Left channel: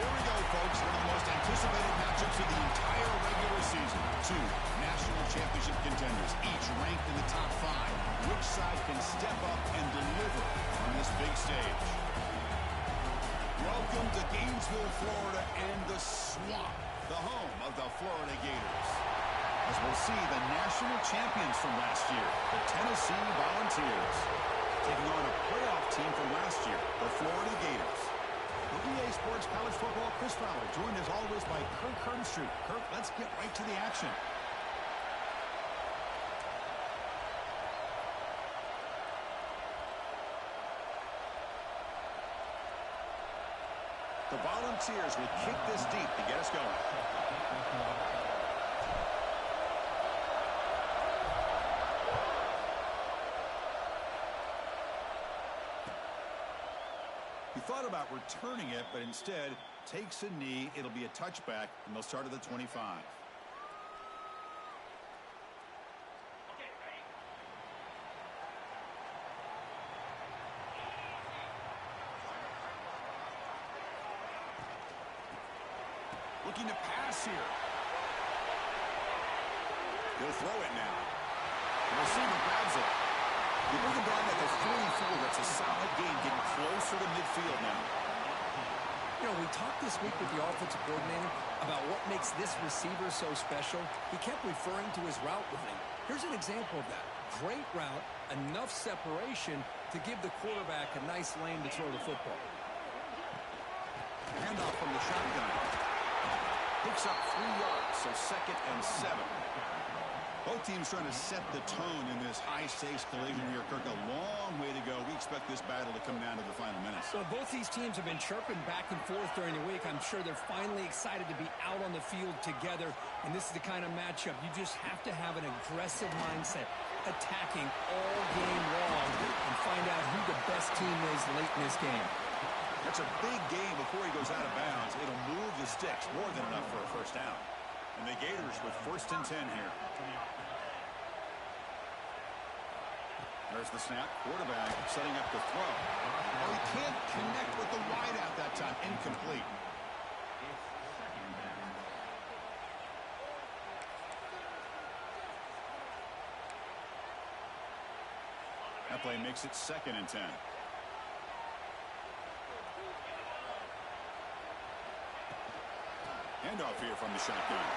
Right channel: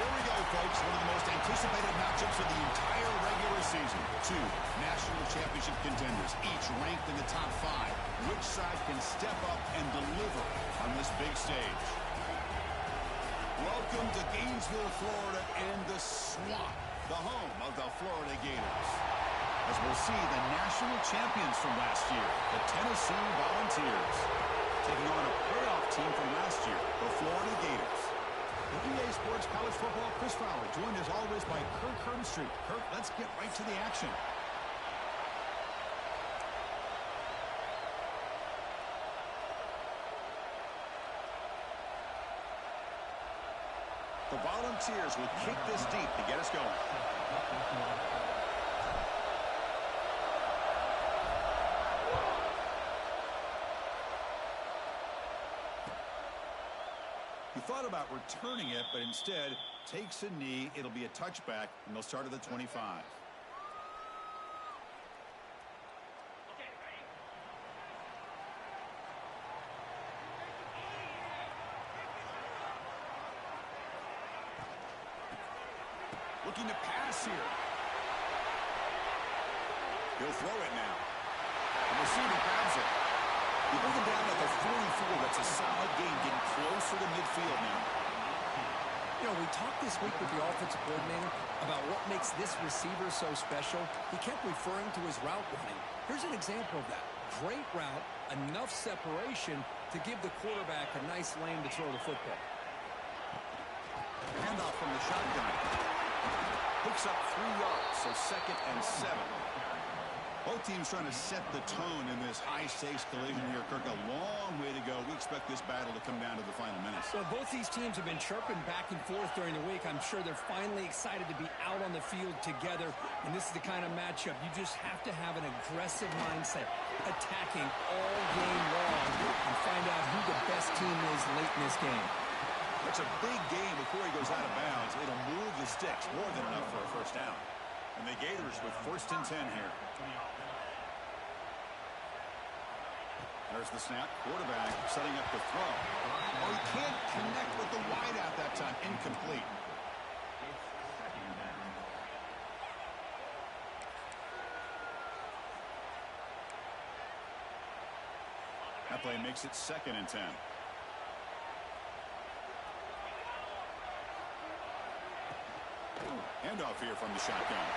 Here we go, folks. One of the most anticipated matchups of the entire regular season. Two national championship contenders, each ranked in the top 5. Which side can step up and deliver on this big stage? Welcome to Gainesville, Florida, and the Swamp, the home of the Florida Gators. As we'll see the national champions from last year, the Tennessee Volunteers, taking on a playoff team from last year, the Florida Gators. For EA Sports College Football, Chris Fowler, joined as always by Kirk Herbstreit. Kirk, let's get right to the action. The Volunteers will kick this deep to get us going. He thought about returning it, but instead takes a knee. It'll be a touchback, and they'll start at the 25. Looking to pass here. He'll throw it now. The receiver grabs it. You bring him down at the 44. That's a solid gain, getting closer to midfield now. You know, we talked this week with the offensive coordinator about what makes this receiver so special. He kept referring to his route running. Here's an example of that. Great route, enough separation to give the quarterback a nice lane to throw the football. Handoff from the shotgun. Picks up 3 yards, so 2nd and 7. Both teams trying to set the tone in this high-stakes collision here, Kirk. A long way to go. We expect this battle to come down to the final minutes. Well, both these teams have been chirping back and forth during the week. I'm sure they're finally excited to be out on the field together, and this is the kind of matchup you just have to have an aggressive mindset, attacking all game long, and find out who the best team is late in this game. That's a big game before he goes out of bounds. It'll move the sticks more than enough for a first down. And the Gators with 1st and 10 here. There's the snap. Quarterback setting up the throw. Oh, he can't connect with the wideout that time. Incomplete. That play makes it 2nd and 10. Handoff here from the shotgun.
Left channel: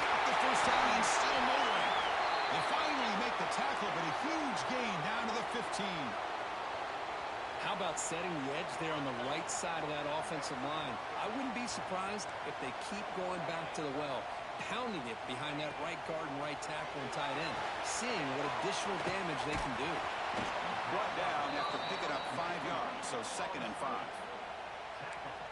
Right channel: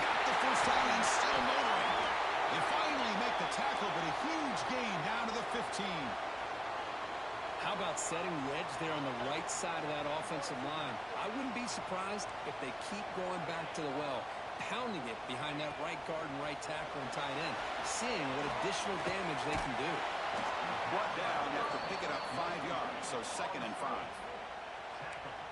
Got the first down and still motoring. They finally make the tackle, but a huge gain down to the 15. How about setting the edge there on the right side of that offensive line? I wouldn't be surprised if they keep going back to the well, pounding it behind that right guard and right tackle and tight end, seeing what additional damage they can do. Brought down after picking up 5 yards, so 2nd and 5.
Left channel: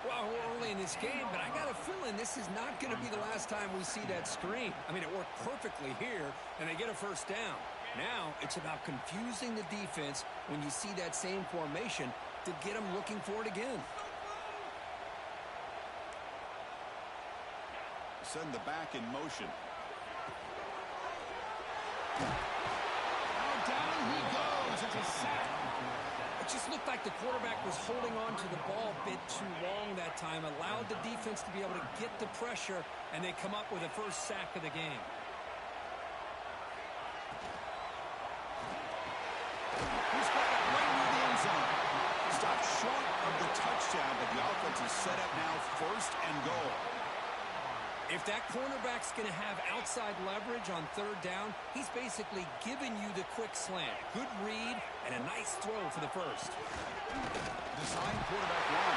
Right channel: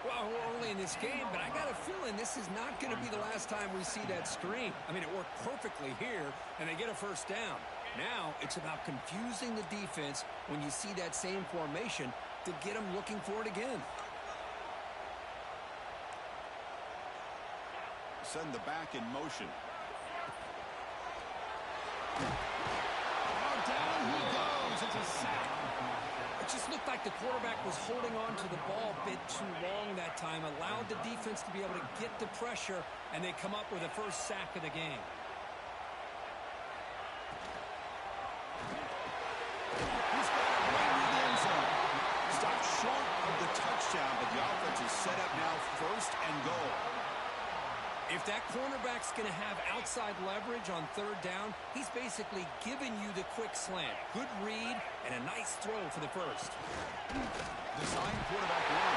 Well, we're early in this game, but I got a feeling this is not going to be the last time we see that screen. I mean, it worked perfectly here, and they get a first down. Now, it's about confusing the defense when you see that same formation to get them looking for it again. Send the back in motion. Oh, down he goes. It's a sack. It just looked like the quarterback was holding on to the ball a bit too long that time, allowed the defense to be able to get the pressure, and they come up with the first sack of the game. He's got it right near the end zone. Stopped short of the touchdown, but the offense is set up now 1st and goal. If that cornerback's going to have outside leverage on 3rd down, he's basically giving you the quick slant. Good read and a nice throw for the first. Design quarterback run.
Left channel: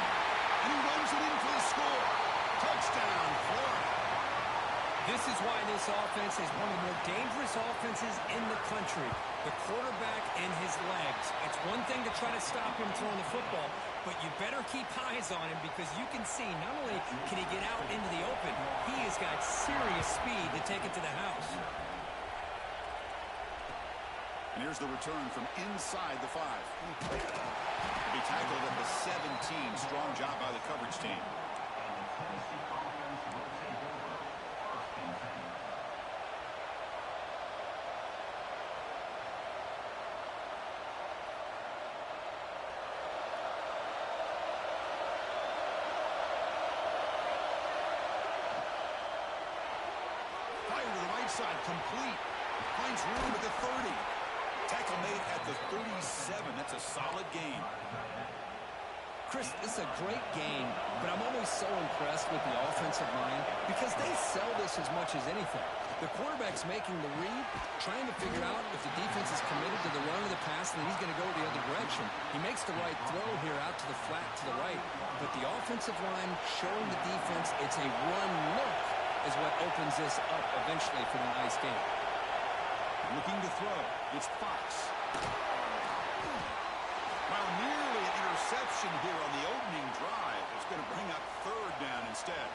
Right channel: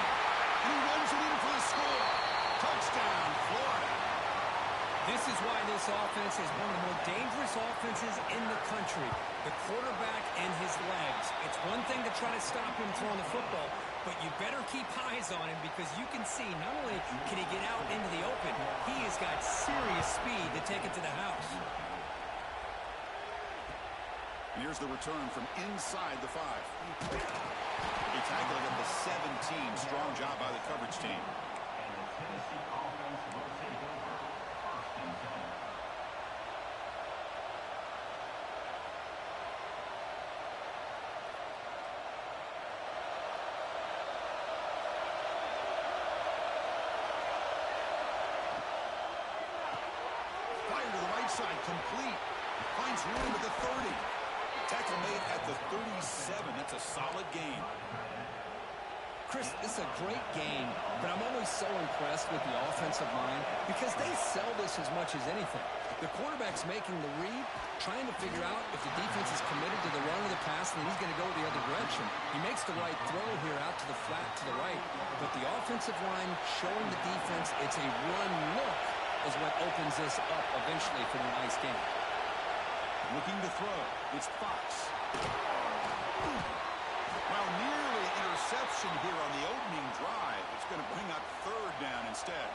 And he runs it in for the score. Touchdown, Florida. This is why this offense is one of the more dangerous offenses in the country. The quarterback and his legs. It's one thing to try to stop him throwing the football, but you better keep eyes on him because you can see not only can he get out into the open, he has got serious speed to take it to the house. And here's the return from inside the 5. He'll be tackled at the 17. Strong job by the coverage team. And the Tennessee offense will take over 1st and 10. outside, complete. Finds room at the 30. Tackle made at the 37. That's a solid gain. Chris, this is a great game, but I'm always so impressed with the offensive line because they sell this as much as anything. The quarterback's making the read, trying to figure out if the defense is committed to the run or the pass, and then he's going to go the other direction. He makes the right throw here out to the flat to the right, but the offensive line showing the defense it's a run look is what opens this up eventually for the nice game. Looking to throw. It's Fox. Well, nearly an interception here on the opening drive. It's going to bring up third down instead.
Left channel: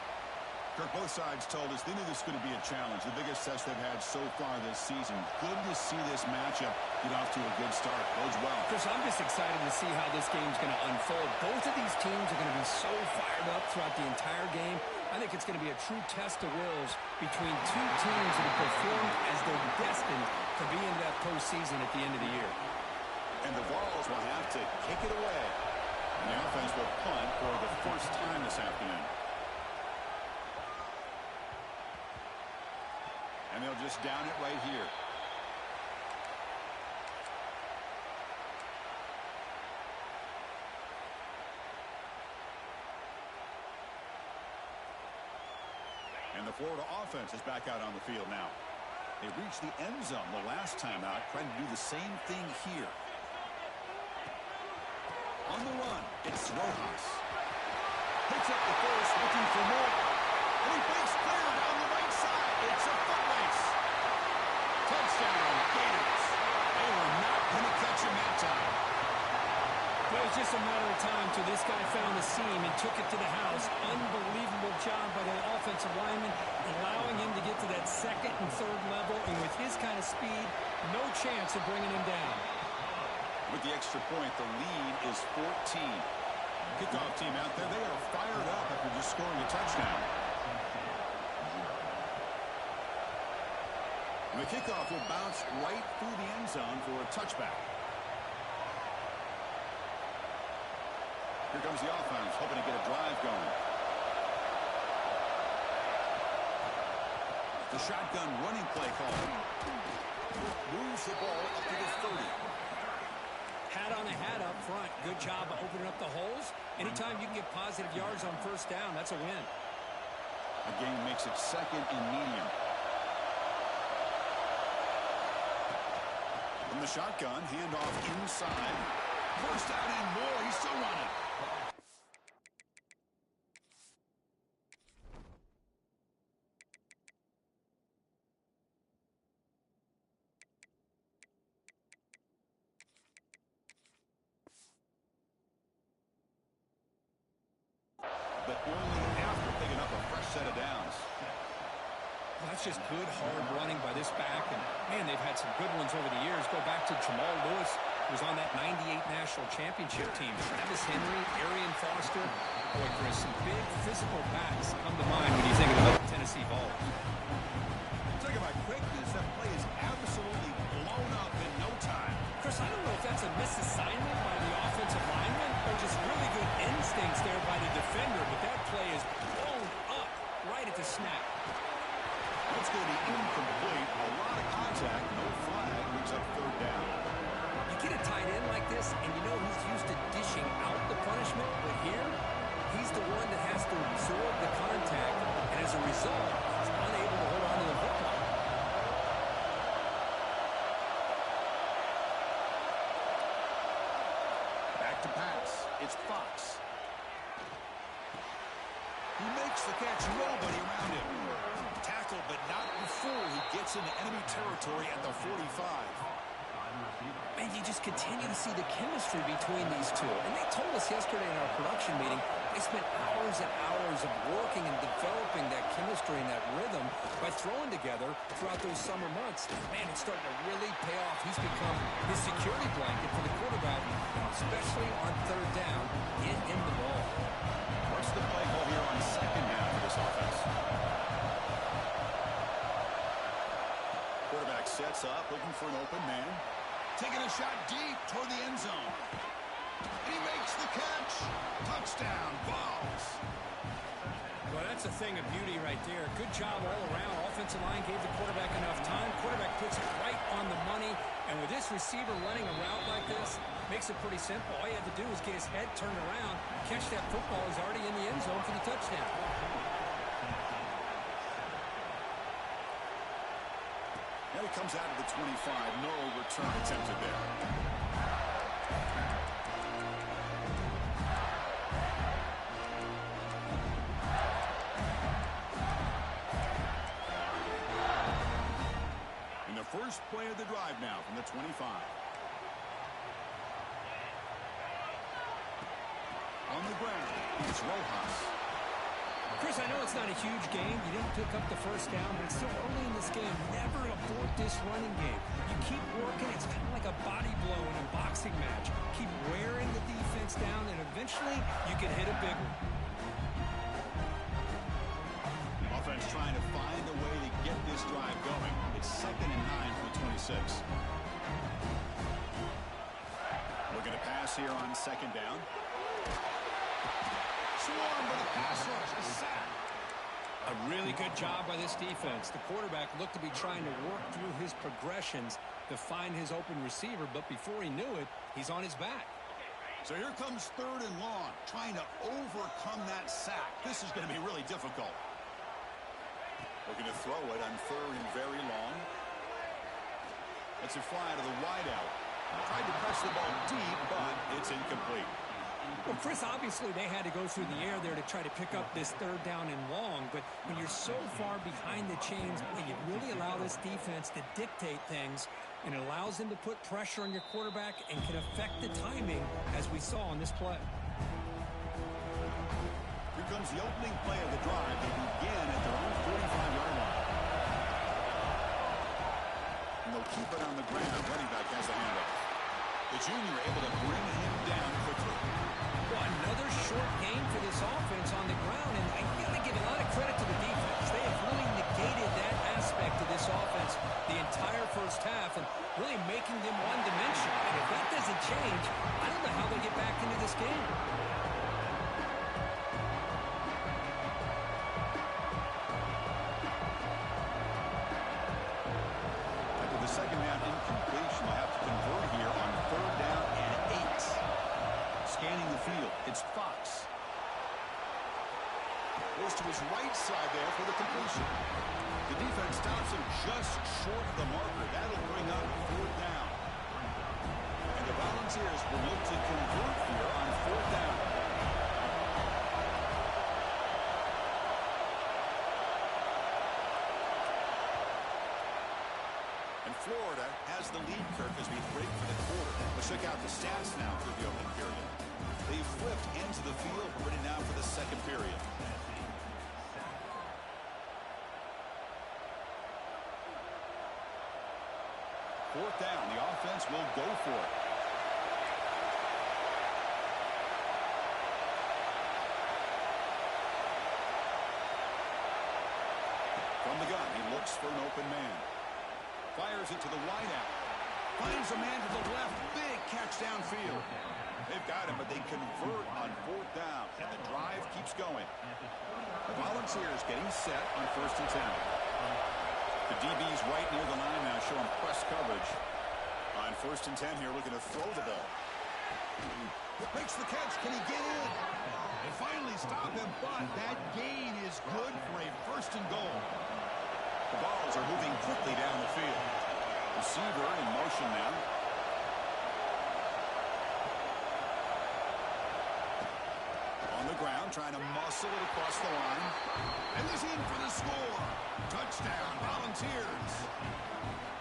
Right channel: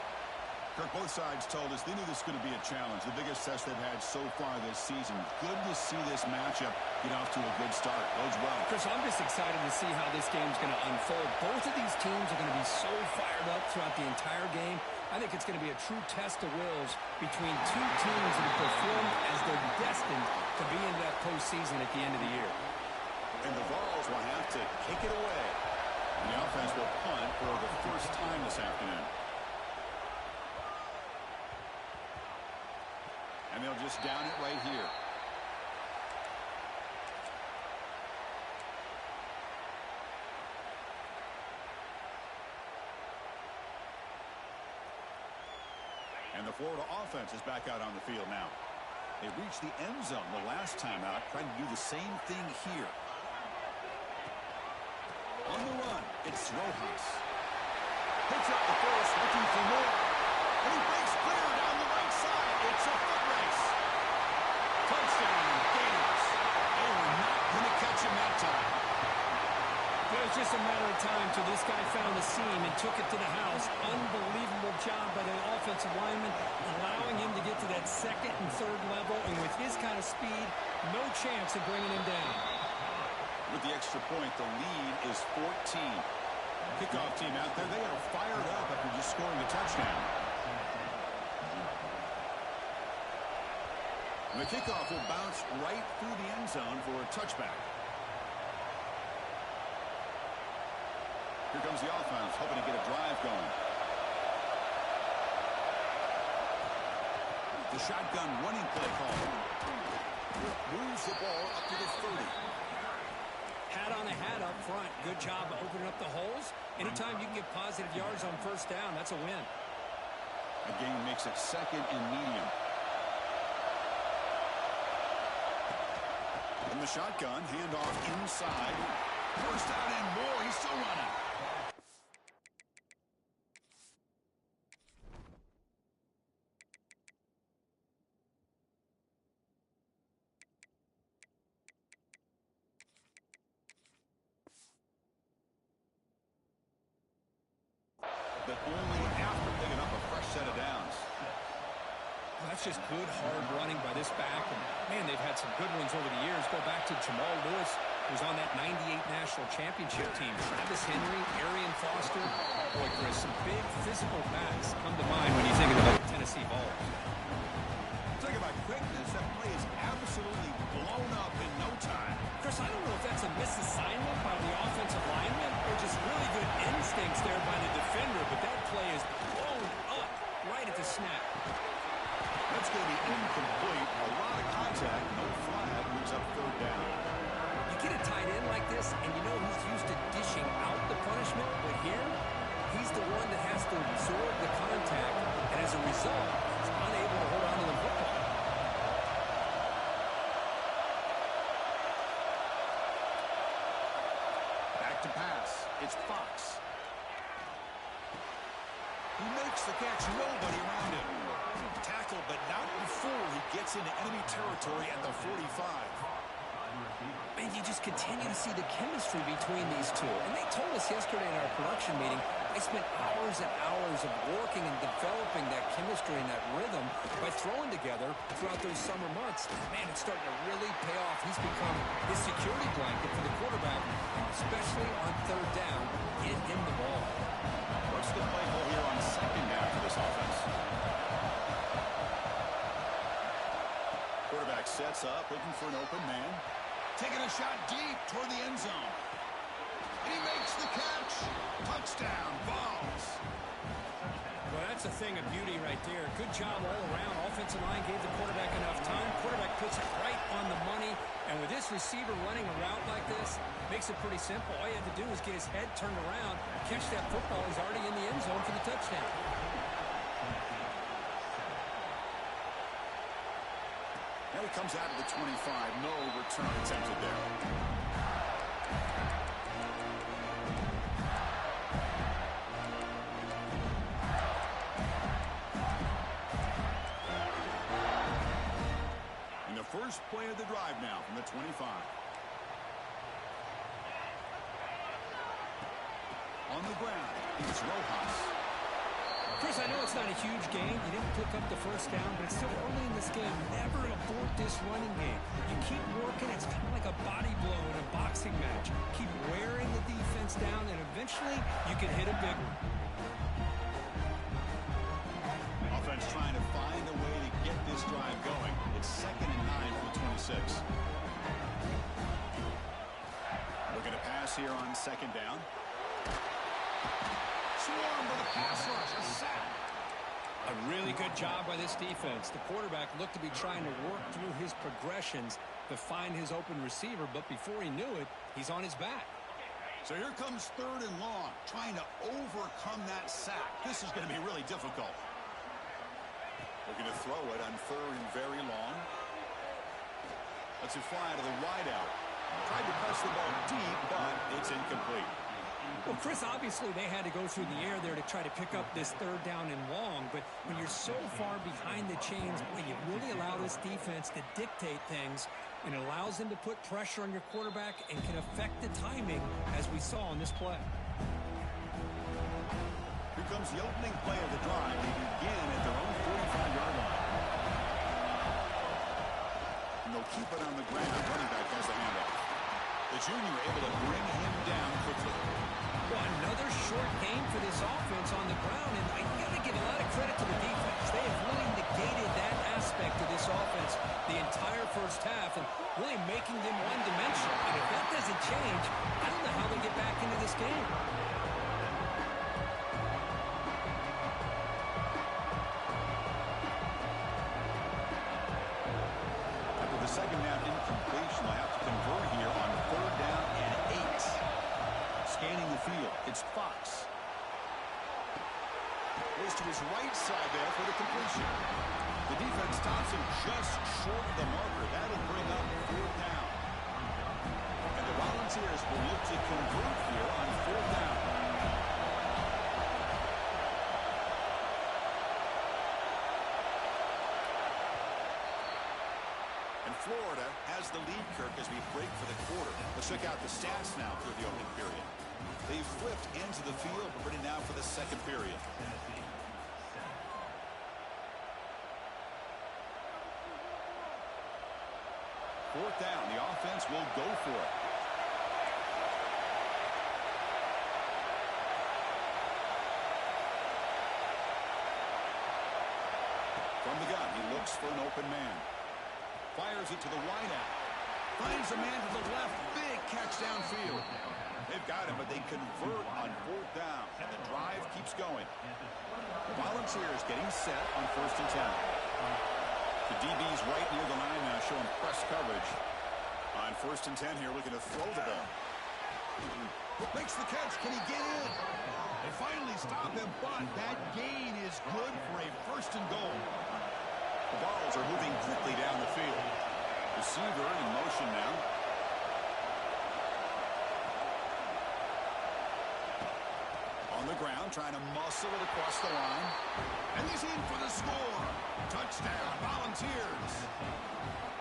Kirk, both sides told us they knew this was going to be a challenge, the biggest test they've had so far this season. Good to see this matchup get off to a good start. Bodes well. Chris, I'm just excited to see how this game's going to unfold. Both of these teams are going to be so fired up throughout the entire game. I think it's going to be a true test of wills between two teams that have performed as they're destined to be in that postseason at the end of the year. And the Vols will have to kick it away. And the offense will punt for the first time this afternoon. And they'll just down it right here. And the Florida offense is back out on the field now. They reached the end zone the last time out, trying to do the same thing here. On the run, it's Rojas. Picks up the force, looking for more. And he breaks clear down the right side. It's a foot race. Touchdown, Gators. They were not going to catch him that time. It was just a matter of time till this guy found the seam and took it to the house. Unbelievable job by the offensive lineman, allowing him to get to that second and third level. And with his kind of speed, no chance of bringing him down. With the extra point, the lead is 14. Kickoff team out there, they are fired up after just scoring a touchdown. And the kickoff will bounce right through the end zone for a touchback. Here comes the offense, hoping to get a drive going. The shotgun running play call. Moves the ball up to the 30. Hat on a hat up front. Good job of opening up the holes. Anytime you can get positive yards on first down, that's a win. The game makes it second and medium. From the shotgun, handoff inside. First out and more. He's still running. But only after picking up a fresh set of downs. Well, that's just good, hard running by this back. And, man, they've had some good ones over the years. Go back to Jamal Lewis, who was on that 98 National Championship team. Travis Henry, Arian Foster. Boy, Chris, some big physical backs come to mind when you think of the Tennessee Vols. Talk about quickness. That play is absolutely blown up in no time. Chris, I don't know if that's a misassignment by the offensive lineman or just really good instincts there by the defender, but that play is blown up right at the snap. That's going to be incomplete. A lot of contact. No flag. Brings up third down. You get a tight end like this, and you know he's used to dishing out the punishment, but here, he's the one that has to absorb the contact, and as a result, he's unable to hold on to the football. Back to pass. It's Fox. He makes the catch. Nobody around him. Tackle, but not before he gets into enemy territory at the 45. Man, you just continue to see the chemistry between these two. And they told us yesterday in our production meeting, they spent hours and hours of working and developing that chemistry and that rhythm by throwing together throughout those summer months. Man, it's starting to really pay off. He's become his security blanket for the quarterback, especially on third down. Get him the ball. What's the play call here on second down for this offense? Quarterback sets up, looking for an open man. Taking a shot deep toward the end zone. And he makes the catch. Touchdown, Vols. Well, that's a thing of beauty right there. Good job all around. Offensive line gave the quarterback enough time. Quarterback puts it right on the money. And with this receiver running a route like this, makes it pretty simple. All you had to do was get his head turned around, catch that football. He's already in the end zone for the touchdown. And he comes out to the 25. No return attempted there. And the first play of the drive now from the 25. On the ground, it's Rojas. Chris, I know it's not a huge game. You didn't pick up the first down, but it's still early in this game. Never abort this running game. You keep working. It's kind of like a body blow in a boxing match. Keep wearing the defense down, and eventually you can hit a big one. Offense trying to find a way to get this drive going. It's 2nd and 9 for the 26. Looking to pass here on 2nd down. Swarm for the pass rush, a sack. A really good job by this defense. The quarterback looked to be trying to work through his progressions to find his open receiver, but before he knew it, he's on his back. So here comes 3rd and long, trying to overcome that sack. This is going to be really difficult. Looking to throw it on 3rd and very long. Lets it fly to the wideout. Tried to press the ball deep, but it's incomplete. Well, Chris, obviously they had to go through the air there to try to pick up this 3rd down and long, but when you're so far behind the chains, boy, you really allow this defense to dictate things, and it allows them to put pressure on your quarterback and can affect the timing, as we saw on this play. Here comes the opening play of the drive. They begin at their own 45-yard line. And they'll keep it on the ground. Running back has the handoff. The junior able to bring him down quickly. Well, another short game for this offense on the ground, and I got to give a lot of credit to the defense. They have really negated that aspect of this offense the entire first half and really making them one-dimensional. And if that doesn't change, I don't know how they get back into this game. After the 2nd down incompletion, they'll have to convert here on 3rd down and 8. Scanning the field, it's Fox. Goes to his right side there for the completion. The defense stops him just short of the marker. That'll bring up 4th down. And the Volunteers will look to convert here on 4th down. And Florida has the lead, Kirk, as we break for the quarter. Let's check out the stats now through the opening period. They've flipped into the field, but ready now for the 2nd period. Fourth down, the offense will go for it. From the gun, he looks for an open man. Fires it to the wideout. Finds a man to the left. Big catch downfield. They've got him, but they convert on 4th down. And the drive keeps going. The Volunteers getting set on 1st and 10. The DB's right near the line now, showing press coverage. On 1st and 10 here, looking to throw the ball. Makes the catch. Can he get in? They finally stop him, but that gain is good for a 1st and goal. The balls are moving quickly down the field. Receiver in motion now. On the ground, trying to muscle it across the line. And he's in for the score. Touchdown, Volunteers.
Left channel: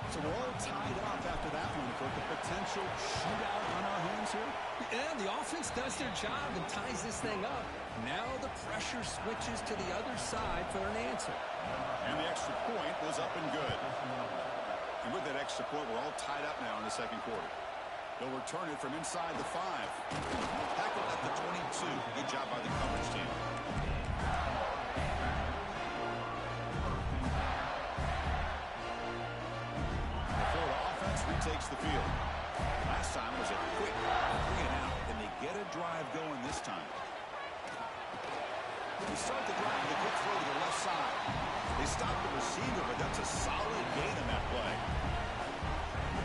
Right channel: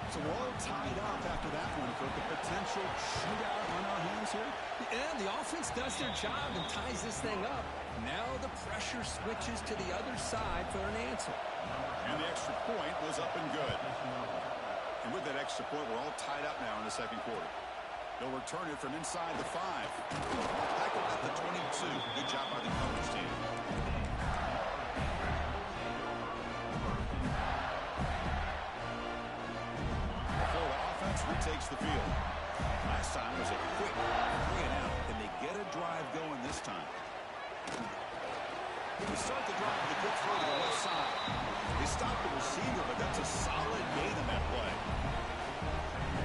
So we're all tied up after that one, Kirk. A potential shootout on our hands here? Yeah, the offense does their job and ties this thing up. Now the pressure switches to the other side for an answer. And the extra point was up and good. And with that extra point, we're all tied up now in the 2nd quarter. They'll return it from inside the 5. Tackled at the 22. Good job by the coverage team. The Florida offense retakes the field. Last time was a quick 3 and out. Can they get a drive going this time? They start the drive with a quick throw to the left side. They stop the receiver, but that's a solid gain on that play.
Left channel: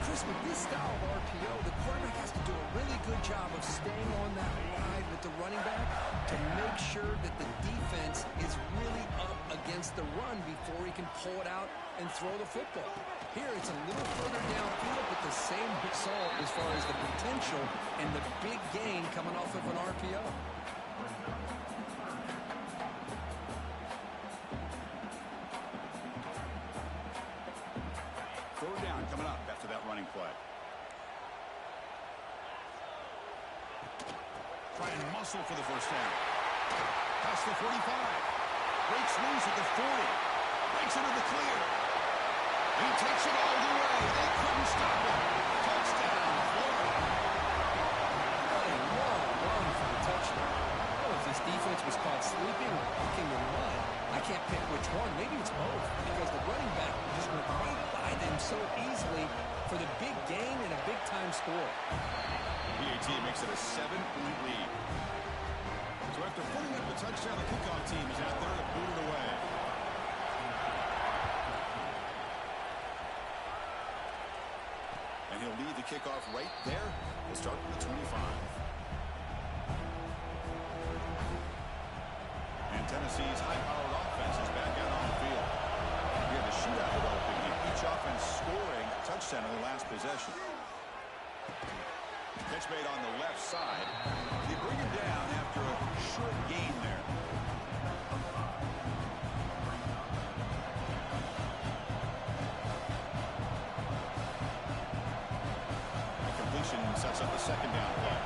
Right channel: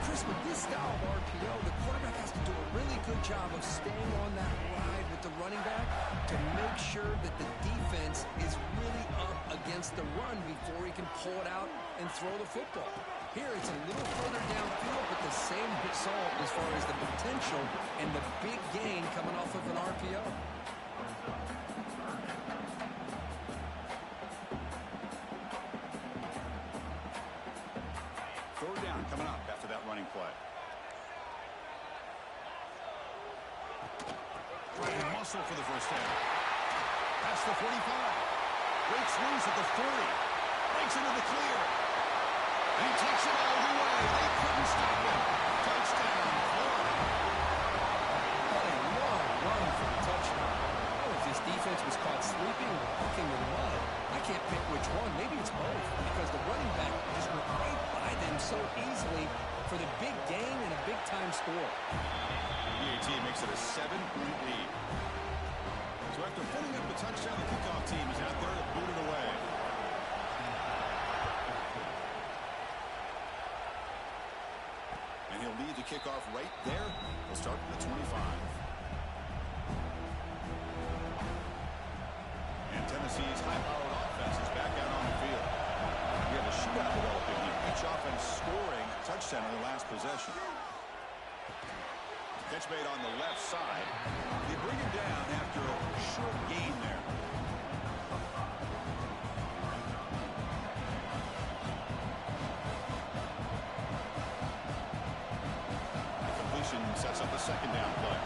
Chris, with this style of RPO, the quarterback has to do a really good job of staying on that ride with the running back to make sure that the defense is really up against the run before he can pull it out and throw the football. Here, it's a little further downfield, but the same result as far as the potential and the big gain coming off of an RPO. Third down coming up after that running play. Trying to muscle for the first down. Past the 45. Breaks loose at the 40. Breaks into the clear. He takes it all the way. They couldn't stop him. Touchdown, Florida. What a long run for the touchdown. Oh, if this defense was caught sleeping or walking in mud, I can't pick which one. Maybe it's both, because the running back just went right by them so easily for the big gain and a big-time score. PAT makes it a 7-point lead. So after putting up the touchdown, the kickoff team is out there to boot it away. And he'll lead the kickoff right there. We'll start with the 25. And Tennessee's high-powered offense is back out on the field. We have a shootout developing here. Each offense scoring a touchdown on their last possession. Catch made on the left side. They bring him down after a short gain there. The completion sets up a second down play.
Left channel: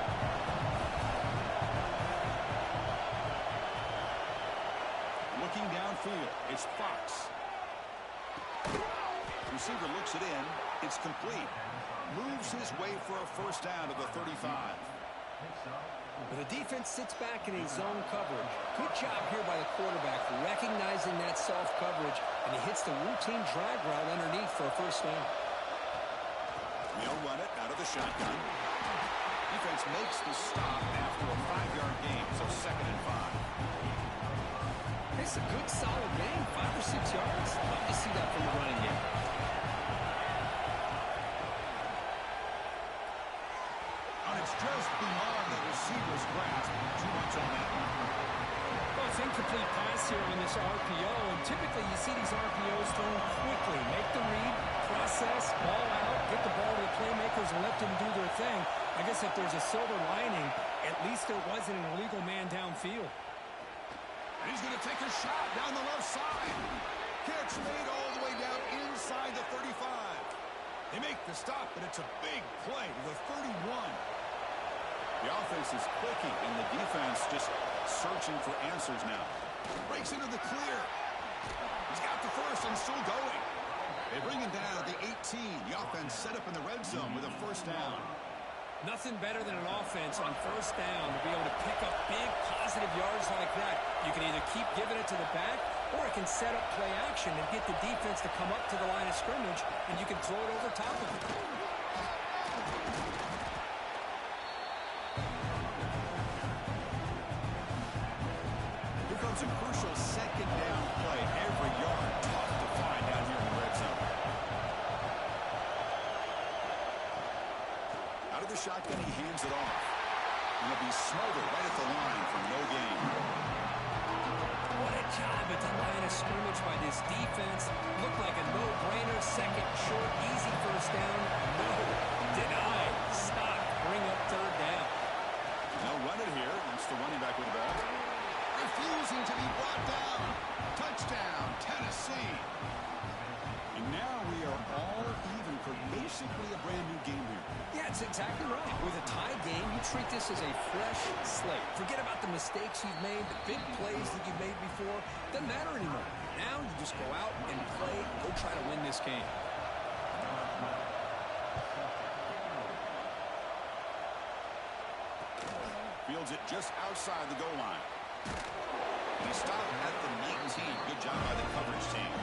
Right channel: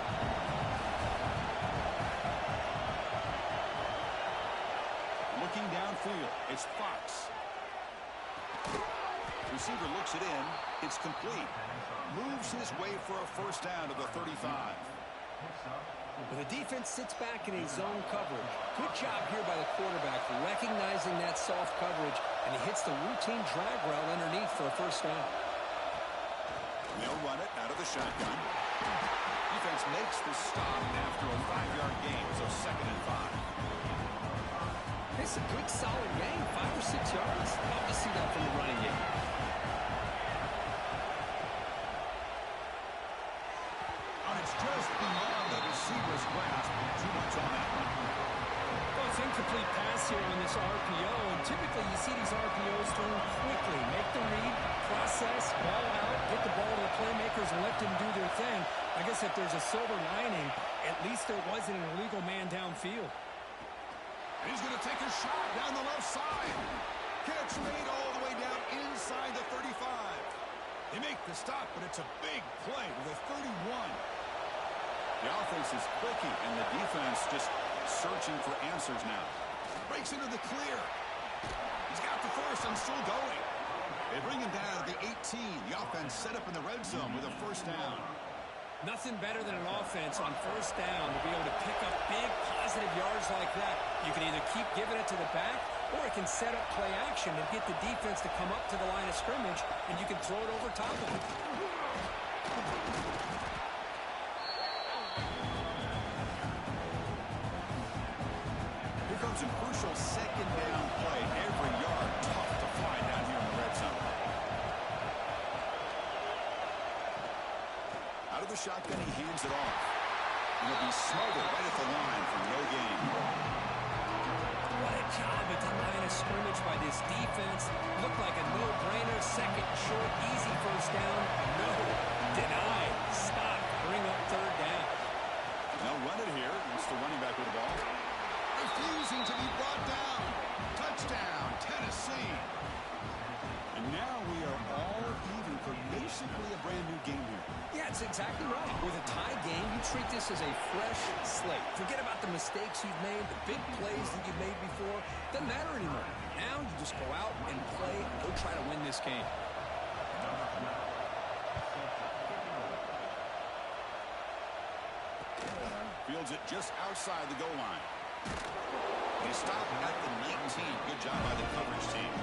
Looking downfield, it's Fox. Receiver looks it in. It's complete. Moves his way for a first down to the 35. But the defense sits back in a zone coverage. Good job here by the quarterback recognizing that soft coverage, and he hits the routine drag route underneath for a first down. They'll run it out of the shotgun. Defense makes the stop after a 5-yard gain, so 2nd and 5. It's a good, solid gain, 5 or 6 yards. Love to see that from the running game. And it's just beyond the receiver's grasp. Too much on that one. Well, it's incomplete pass here on this RPO, and typically you see these RPOs thrown quickly. Make the read, process, ball out, get the ball to the playmakers and let them do their thing. I guess if there's a silver lining, at least there wasn't an illegal man downfield. And he's going to take a shot down the left side. Catch made all the way down inside the 35. They make the stop, but it's a big play to the 31. The offense is clicking, and the defense just searching for answers now. Breaks into the clear. He's got the first and still going. They bring him down at the 18. The offense set up in the red zone with a first down. Nothing better than an offense on first down to be able to pick up big positive yards like that. You can either keep giving it to the back, or it can set up play action and get the defense to come up to the line of scrimmage, and you can throw it over top of it. Here comes a crucial second down play. Every yard tough to find down here in the red zone. Out of the shotgun, he hands it off. And he'll be smothered right at the line for no gain. What a job at the line of scrimmage by this defense. Looked like a no-brainer. Second short, easy first down. No. Denied. Stop. Bring up third down. Now run it here. That's the running back with the ball. Refusing to be brought down. Touchdown, Tennessee. And now we are all even for basically a brand new game here. Yeah, it's exactly right. With a tie game, you treat this as a fresh slate. Forget about the mistakes you've made, the big plays that you've made before. Doesn't matter anymore. Now you just go out and play, go try to win this game. Fields it just outside the goal line. They stop at the 19. Good job by the coverage team.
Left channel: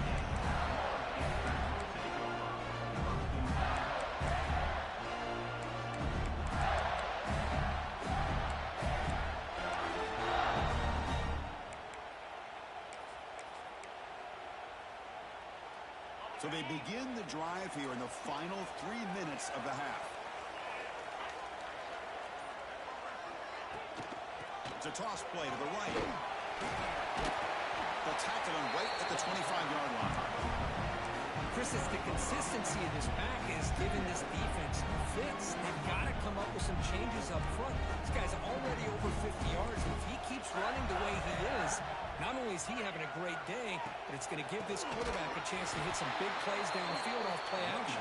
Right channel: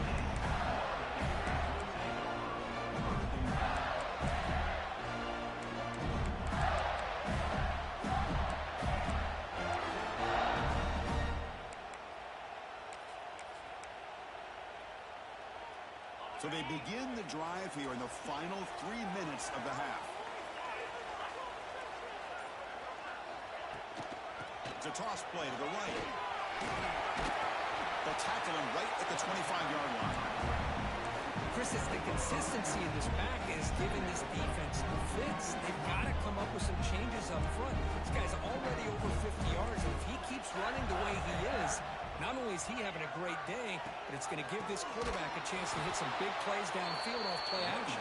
So they begin the drive here in the final 3 minutes of the half. It's a toss play to the right. They'll tackle him right at the 25-yard line. Chris, it's the consistency of this back is giving this defense fits. They've got to come up with some changes up front. This guy's already over 50 yards, and if he keeps running the way he is, not only is he having a great day, but it's going to give this quarterback a chance to hit some big plays downfield off play action.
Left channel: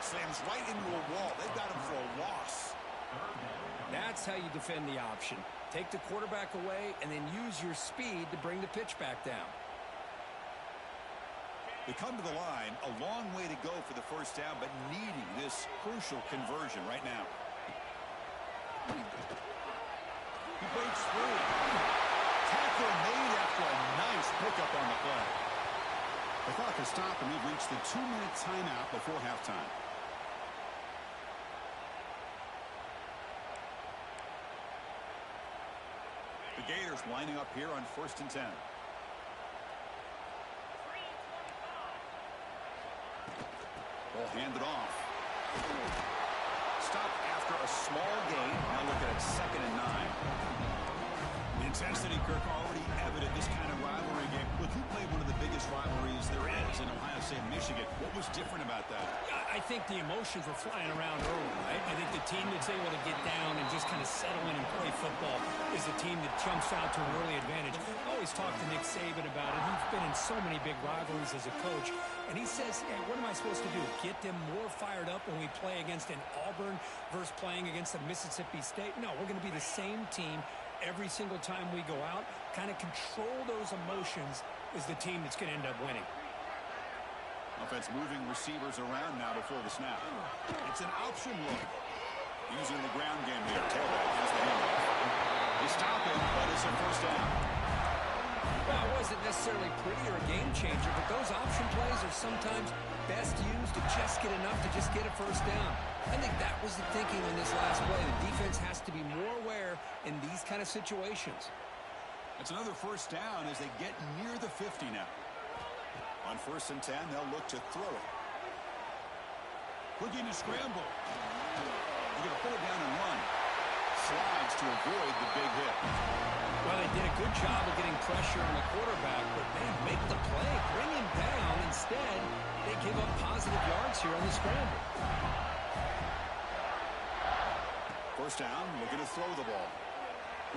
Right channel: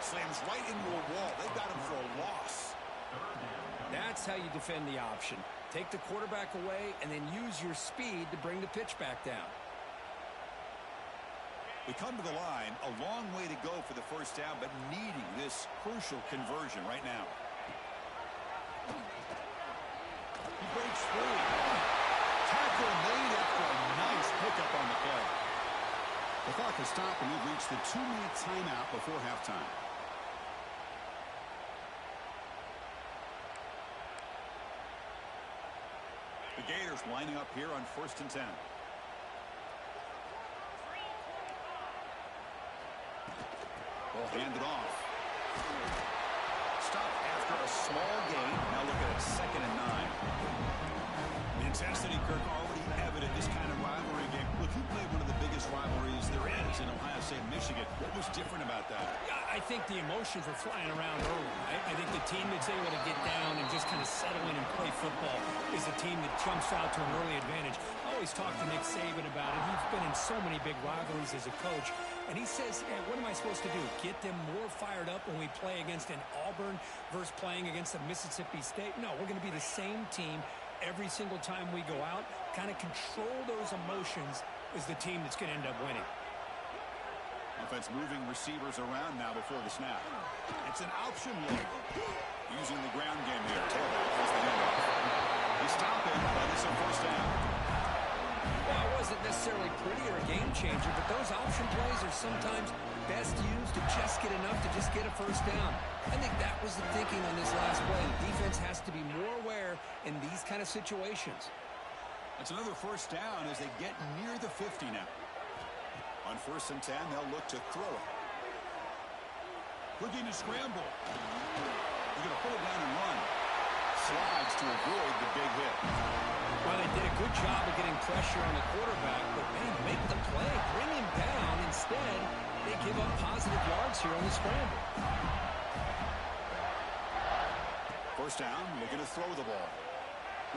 Slams right into a wall. They've got him for a loss. That's how you defend the option. Take the quarterback away and then use your speed to bring the pitch back down. They come to the line, a long way to go for the first down, but needing this crucial conversion right now. He breaks free. Tackle made after a nice pickup on the play. The clock has stopped, and we've reached the 2-minute timeout before halftime. The Gators lining up here on 1st and 10. Ball handed off. Stopped after a small gain. Now look at it, 2nd and 9. The intensity, Kirk, already evident this kind of rivalry game. Look, who played one of the biggest rivalries there is in Ohio State and Michigan? What was different about that? I think the emotions were flying around early. I think the team that's able to get down and just kind of settle in and play football is the team that jumps out to an early advantage. I always talk to Nick Saban about it. He's been in so many big rivalries as a coach. And he says, hey, what am I supposed to do? Get them more fired up when we play against an Auburn versus playing against a Mississippi State? No, we're going to be the same team every single time we go out. Kind of control those emotions is the team that's going to end up winning. Offense moving receivers around now before the snap. It's an option look. Using the ground game here. Tailback has the handoff. They stop him, but it's a first down. Well, it wasn't necessarily pretty or a game changer, but those option plays are sometimes best used to just get enough to just get a first down. I think that was the thinking on this last play. The defense has to be more aware in these kind of situations. It's another first down as they get near the 50 now. On 1st and 10, they'll look to throw it. Looking to scramble. They're going to pull it down and run. Slides to avoid the big hit. Well, they did a good job of getting pressure on the quarterback, but man, make the play, bring him down. Instead, they give up positive yards here on the scramble. First down, looking to throw the ball.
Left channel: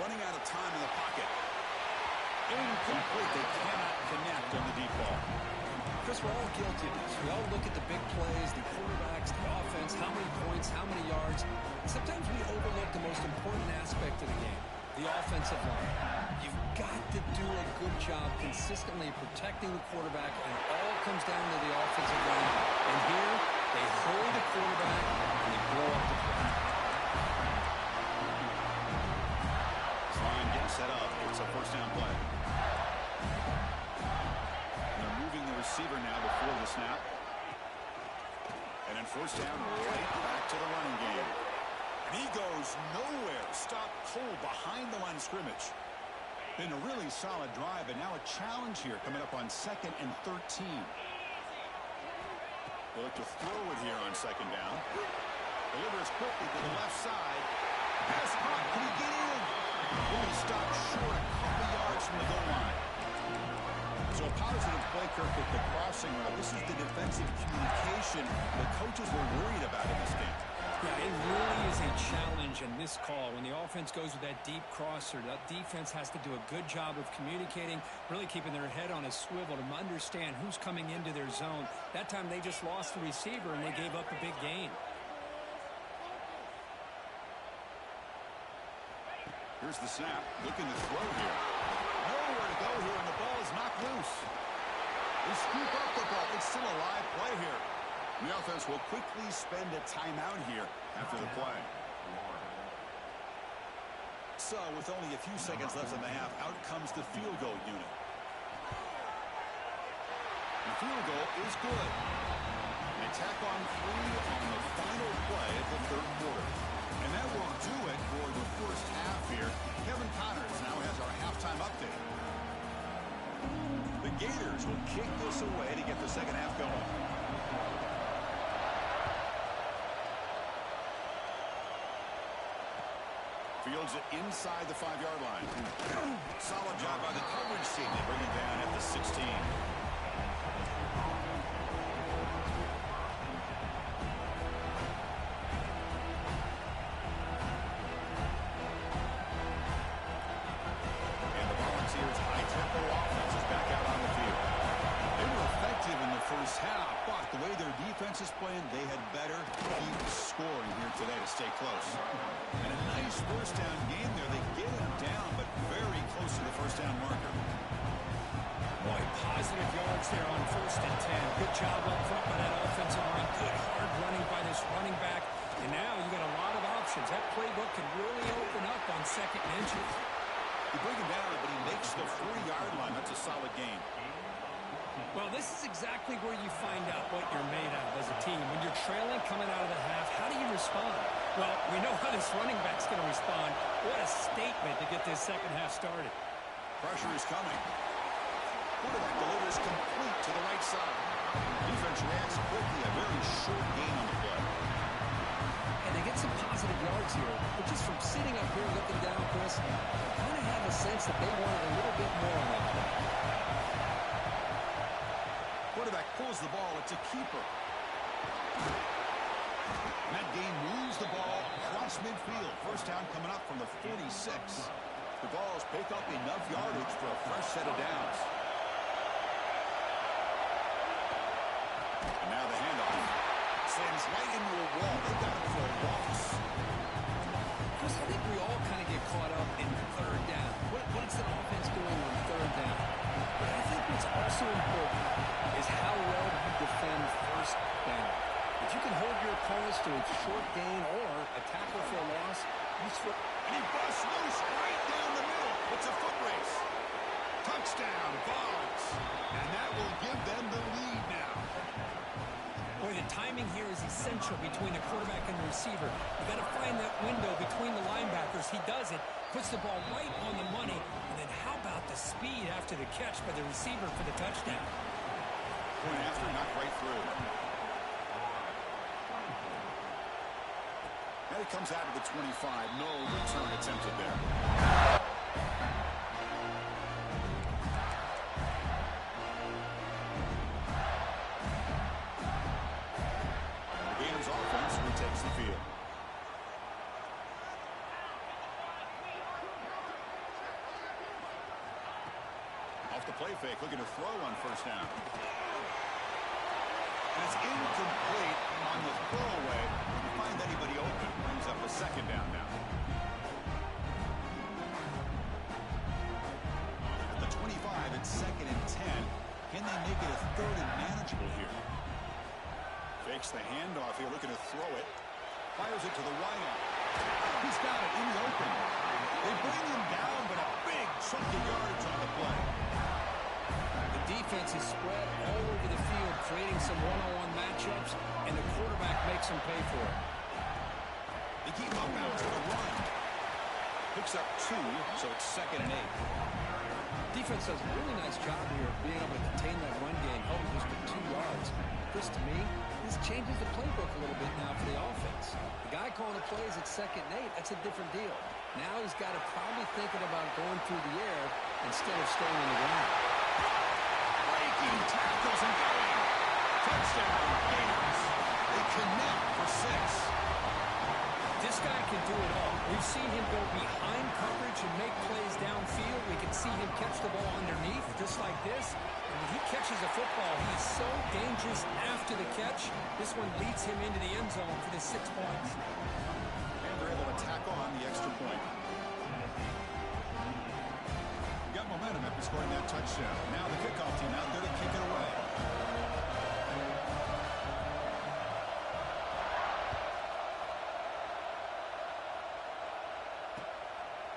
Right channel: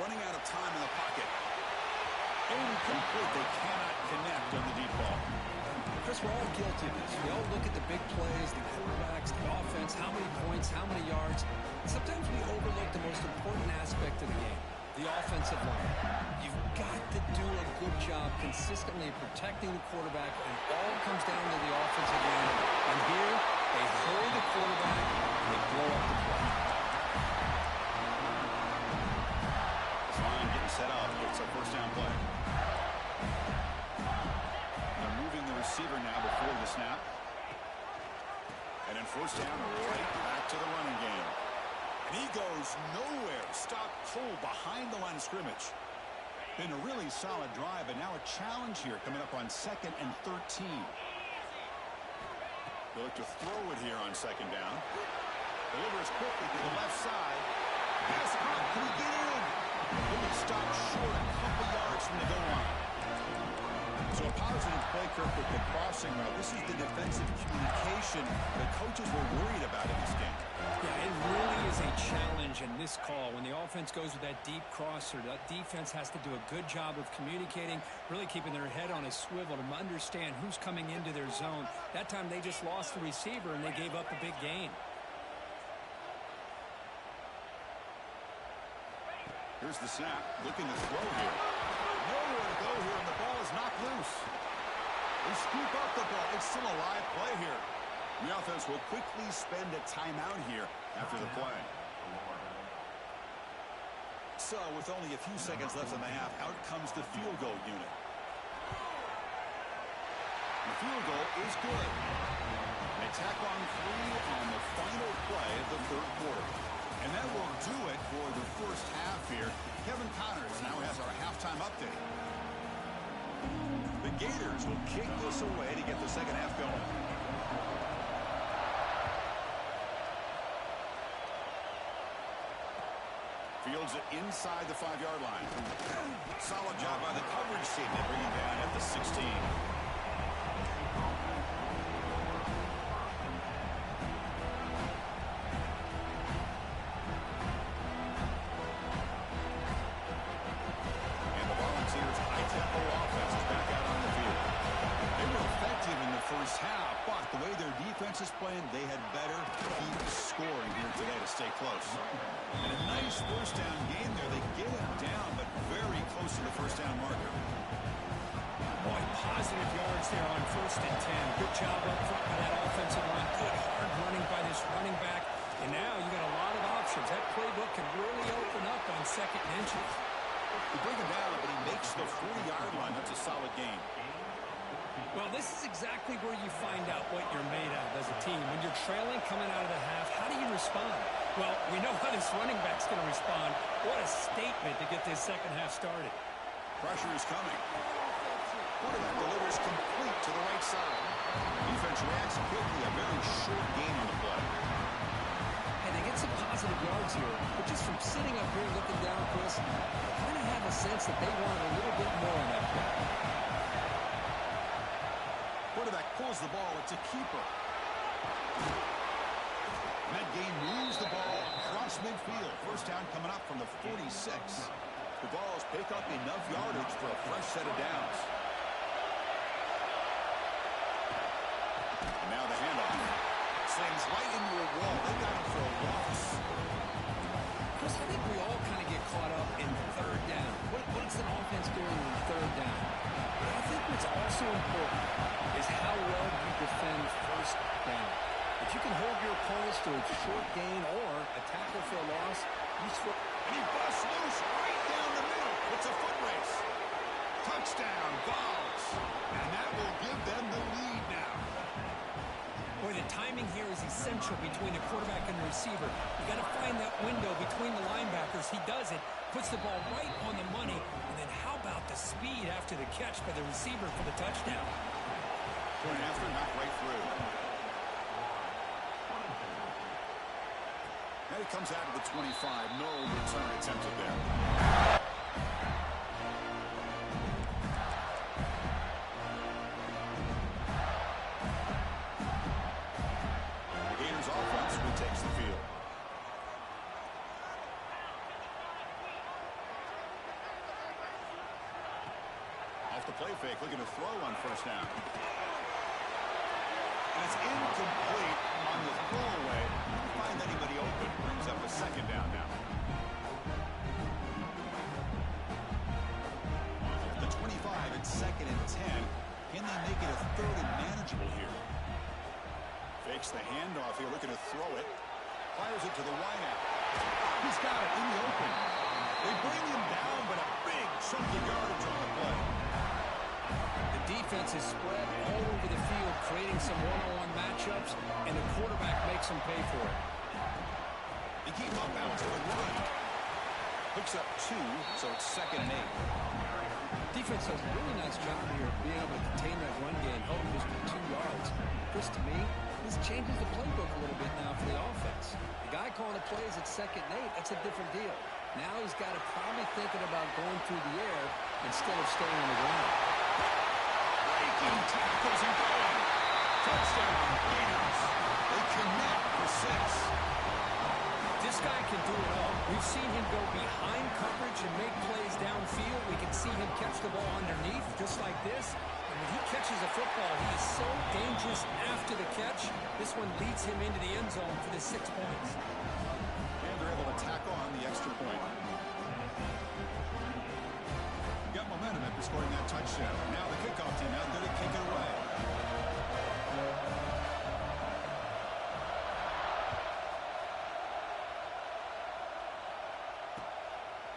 Running out of time in the pocket. Incomplete. They cannot connect on the deep ball. Chris, we're all guilty of this. We all look at the big plays, the quarterbacks, the offense, how many points, how many yards. And sometimes we overlook the most important aspect of the game, the offensive line. You've got to do a good job consistently protecting the quarterback, and it all comes down to the offensive line. And here, they hurry the quarterback, and they blow up the play. This line getting set up. It's a first down play. They're moving the receiver now before the snap. And then first down, right back to the running game. And he goes nowhere. Stopped cold behind the line of scrimmage. Been a really solid drive, and now a challenge here coming up on 2nd and 13. They look to throw it here on 2nd down. Delivers quickly to the left side. Pass caught. Can he get in? Will he stop short a couple yards from the goal line? So a positive play, Kirk, with the crossing route. This is the defensive communication the coaches were worried about in this game. Yeah, it really is a challenge in this call. When the offense goes with that deep crosser, that defense has to do a good job of communicating, really keeping their head on a swivel to understand who's coming into their zone. That time they just lost the receiver and they gave up a big gain. Here's the snap. Looking to throw here. Nowhere to go here, and the ball is knocked loose. They scoop up the ball. It's still a live play here. The offense will quickly spend a timeout here after the play. So, with only a few seconds left in the half, out comes the field goal unit. The field goal is good. They tack on 3 on the final play of the 3rd quarter. And that will do it for the first half here. Kevin Connors now has our halftime update. The Gators will kick this away to get the second half going. Fields it inside the 5-yard line. Solid job by the coverage team to bring him down at the 16. High-tempo offense is back out on the field. They were effective in the first half, but the way their defense is playing, they had better keep scoring here today to stay close. And a nice first down game there. They get him down, but very close to the first down marker. Boy, positive yards there on 1st and 10. Good job up front by that offensive line. Good hard running by this running back. And now you got a lot of options. That playbook can really open up on 2nd and inches. You bring him down, but he makes the 40-yard line. That's a solid gain. Well, this is exactly where you find out what you're made of as a team. When you're trailing coming out of the half, how do you respond? Well, we know how this running back's going to respond. What a statement to get this second half started. Pressure is coming. Quarterback delivers complete to the right side. Defense reacts quickly. A very short gain on the play. And they get some positive yards here, but just from sitting up here looking down, Chris, I kind of have a sense that they wanted a little bit more on that play. Quarterback pulls the ball. It's a keeper. And that game moves the ball across midfield. First down coming up from the 46. The Vols pick up enough yardage for a fresh set of downs. And now the handoff. Slams right into a wall. They got him for a loss. Chris, I think we all kind of get caught up in 3rd down. What's an offense doing on 3rd down? But I think what's also important is how well you defend 1st down. If you can hold your opponents to a short gain or a tackle for a loss, you switch. And he busts loose right down the middle. It's a foot race. Touchdown, Vols. And that will give them the lead now. Boy, the timing here is essential between the quarterback and the receiver. You got to find that window between the linebackers. He does it, puts the ball right on the money, and then how about the speed after the catch by the receiver for the touchdown? Point after, knocked right through. And it comes out of the 25. No return attempted there. Offense retakes the field. Off the play fake, looking to throw on 1st down. And it's incomplete on the throwaway. Didn't find anybody open. Brings up a 2nd down now. At the 25, it's 2nd and 10. Can they make it a 3rd and manageable here? Fakes the handoff here, looking to throw it. Fires it to the wideout. He's got it in the open. They bring him down, but a big chunk of yardage on the play. The defense is spread all over the field, creating some one-on-one matchups, and the quarterback makes them pay for it. They keep him up now to the run. Picks up 2, so it's 2nd and 8. Defense does a really nice job here of being able to contain that run game, held him just to 2 yards. Chris, to me, this changes the playbook a little bit now for the offense. The guy calling the plays at 2nd and 8, that's a different deal. Now he's got to probably thinking about going through the air instead of staying on the ground. Breaking tackles and going. Touchdown, Gators. They connect for 6. This guy can do it all. We've seen him go behind coverage and make plays downfield. We can see him catch the ball underneath, just like this. And when he catches a football, he is so dangerous after the catch. This one leads him into the end zone for the 6 points. And they're able to tack on the extra point. Got momentum after scoring that touchdown. Now the kickoff team out there to kick it away.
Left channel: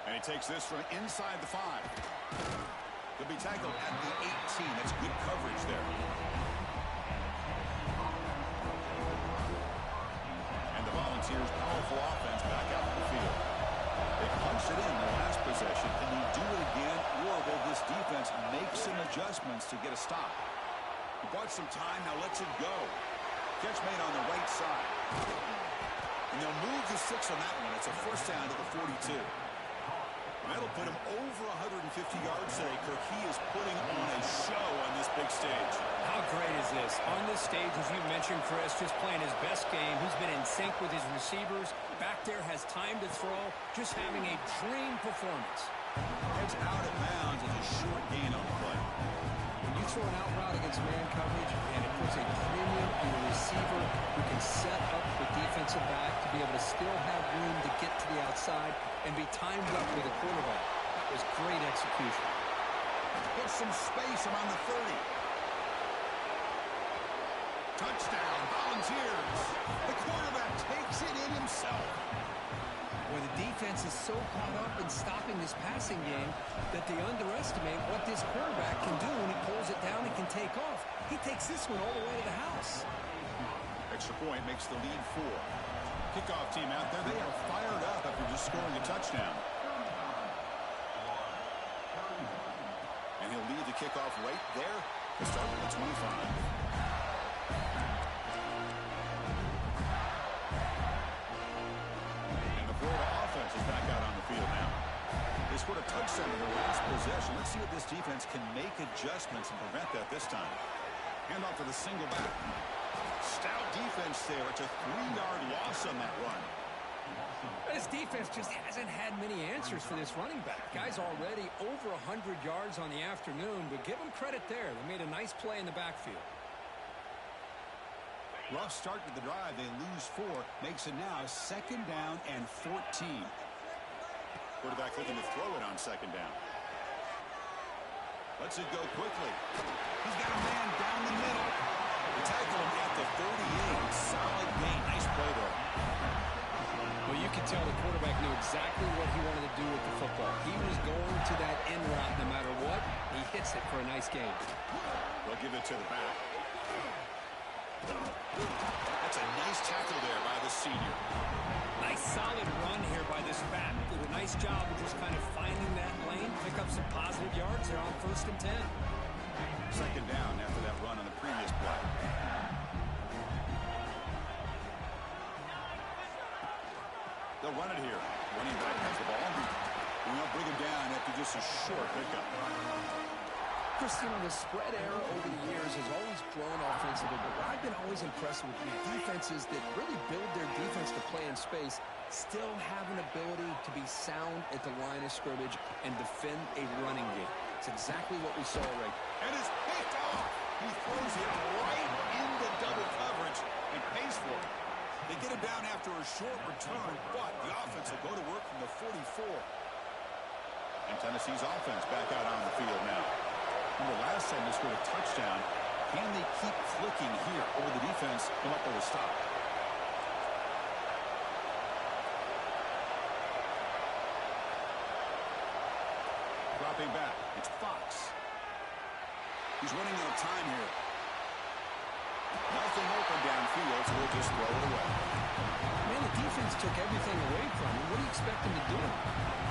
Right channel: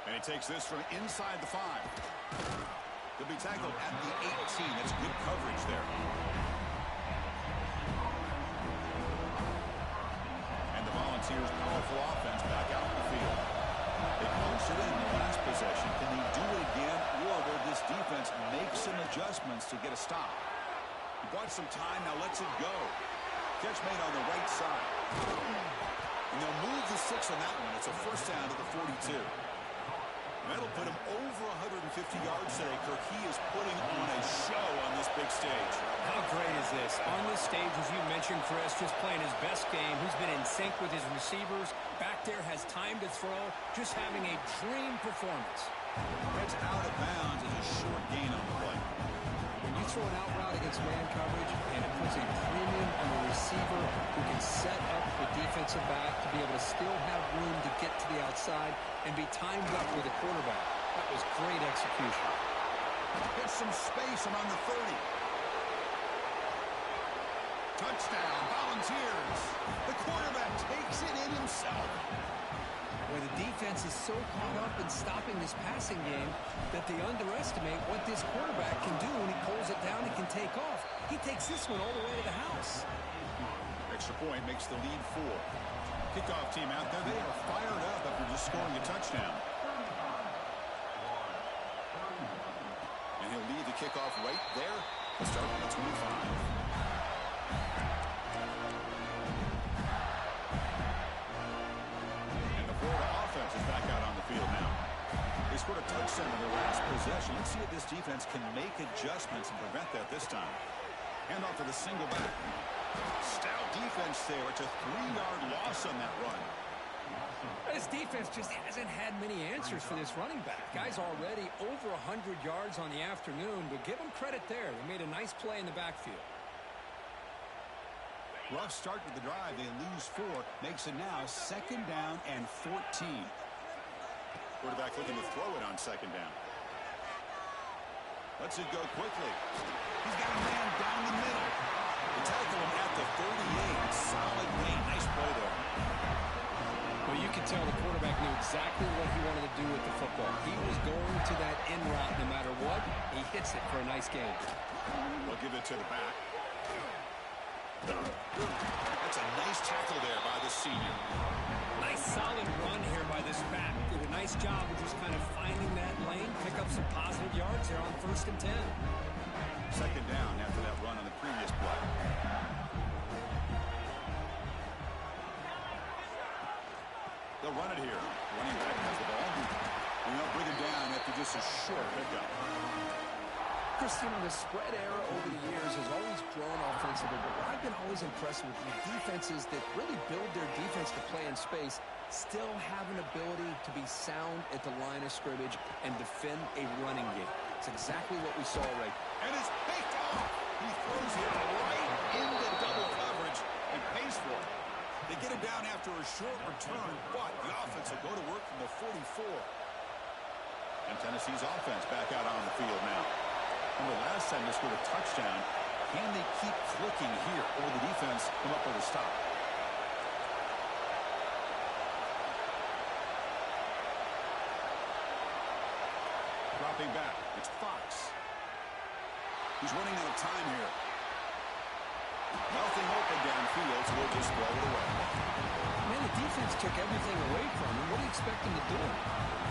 And he takes this from inside the 5. He'll be tackled at the 18. That's good coverage there. And the Volunteers' powerful offense back out in the field. They punched it in the last possession. Can they do it again, or will this defense make some adjustments to get a stop? He bought some time, now lets it go. Catch made on the right side. And they'll move the 6 on that one. It's a first down to the 42. That'll put him over 150 yards today. Kirk, he is putting on a show on this big stage. How great is this? On this stage, as you mentioned, Chris, just playing his best game. He's been in sync with his receivers. Back there, has time to throw. Just having a dream performance. Heads out of bounds as a short gain on the play. When you throw an out route against man coverage, and it puts a premium on the receiver who can set up the defensive back to be able to still have room to get to the outside and be timed up with a quarterback. That was great execution. Gets some space around the 30. Touchdown, Volunteers. The quarterback takes it in himself. Where the defense is so caught up in stopping this passing game that they underestimate what this quarterback can do when he pulls it down and can take off. He takes this one all the way to the house. Extra point makes the lead 4. Kickoff team out there, they are fired up after just scoring a touchdown. And he'll leave the kickoff right there to start from the 25. Florida offense is back out on the field now. They scored a touchdown in their last possession. Let's see if this defense can make adjustments and prevent that this time. Hand off to the single back. Stout defense there. It's a 3-yard loss on that run. This defense just hasn't had many answers for this running back. Guy's already over 100 yards on the afternoon, but give them credit there. They made a nice play in the backfield. Rough start to the drive. They lose 4. Makes it now 2nd down and 14. Quarterback looking to throw it on 2nd down. Lets it go quickly. He's got a man down the middle. They tackle him at the 38. Solid gain. Nice play there. Well, you can tell the quarterback knew exactly what he wanted to do with the football. He was going to that in route no matter what. He hits it for a nice gain. They'll give it to the back. That's a nice tackle there by the senior. Nice solid run here by this back. Did a nice job of just kind of finding that lane, pick up some positive yards there on 1st and 10. 2nd down after that run on the previous play. They'll run it here. Running back has the ball. And they'll bring him down after just a short pickup. Christian, the spread era over the years has always grown offensively, but what I've been always impressed with defenses that really build their defense to play in space still have an ability to be sound at the line of scrimmage and defend a running game. It's exactly what we saw right. And it's picked off. He throws it right into double coverage and pays for it. They get him down after a short return, but the offense will go to work from the 44. And Tennessee's offense back out on the field now. Remember last time they scored a touchdown. Can they keep clicking here, or will the defense come up with a stop? Dropping back, it's Fox. He's running out of time here. Nothing open downfield, so we'll just throw it away. Man, the defense took everything away from him. What do you expect him to do?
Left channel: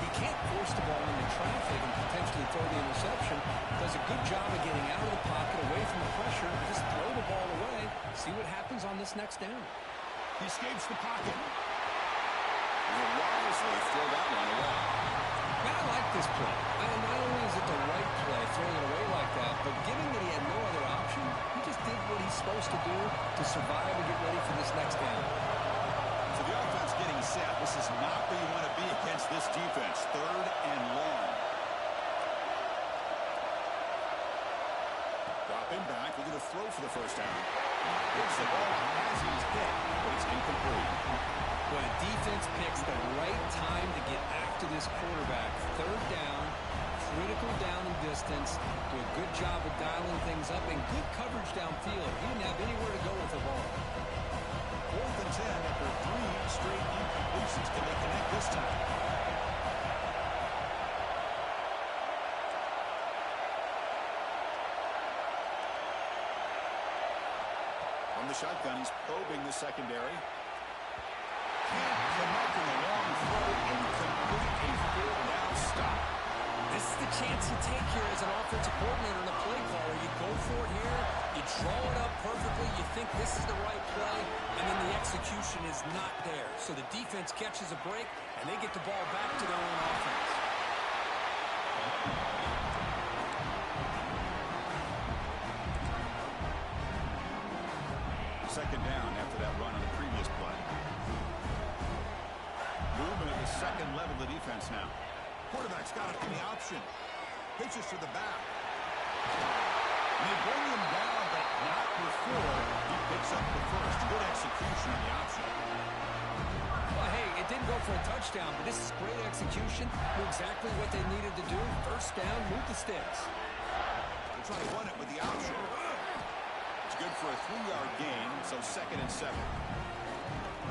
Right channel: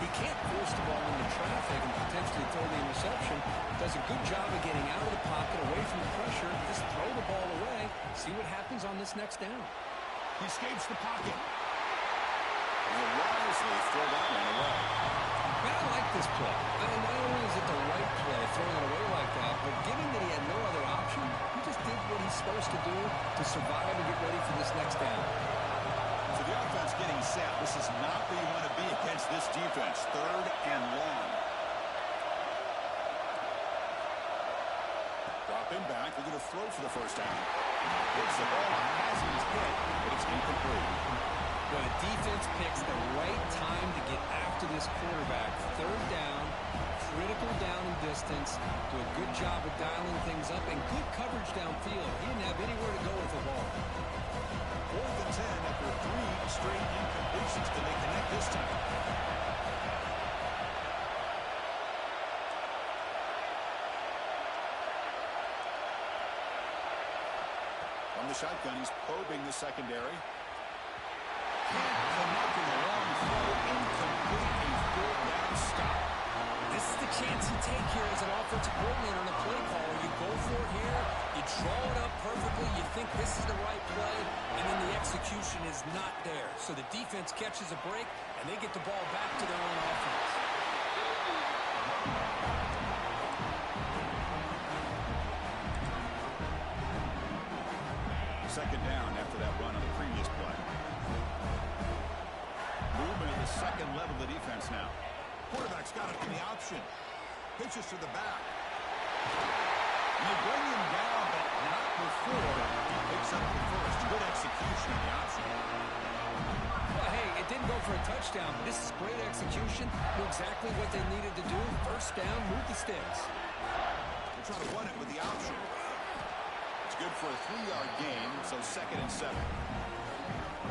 He can't force the ball into traffic and potentially throw the interception. Does a good job of getting out of the pocket, away from the pressure, and just throw the ball away. See what happens on this next down. He escapes the pocket. And he'll wisely throw that one away. Man, I like this play. Not only is it the right play, throwing it away like that, but given that he had no other option, he just did what he's supposed to do to survive and get ready for this next down. So the offense getting set. This is not where you want to be against this defense. 3rd and long. Dropping back, looking to throw for the first down. Hits the ball as he's hit, but it's incomplete. Well, the defense picks the right time to get after this quarterback. 3rd down, critical down and distance. Do a good job of dialing things up and good coverage downfield. He didn't have anywhere to go with the ball. 4th and 10 after 3 straight incompletions. Can they connect this time? From the shotgun, he's probing the secondary. Can't come up with a long throw, incomplete. This is the chance you take here as an offensive coordinator and a play caller. You go for it here, you draw it up perfectly, you think this is the right play, and then the execution is not there. So the defense catches a break, and they get the ball back to their own offense. Second down after that run on the previous play. Movement at the second level of the defense now. Quarterback's got it in the option. Pitches to the back. And they bring him down, but not before he picks up the first. Good execution on the option. Well, hey, it didn't go for a touchdown, but this is great execution. Knew exactly what they needed to do. First down, move the sticks. They're trying to run it with the option. It's good for a 3-yard gain, so 2nd and 7.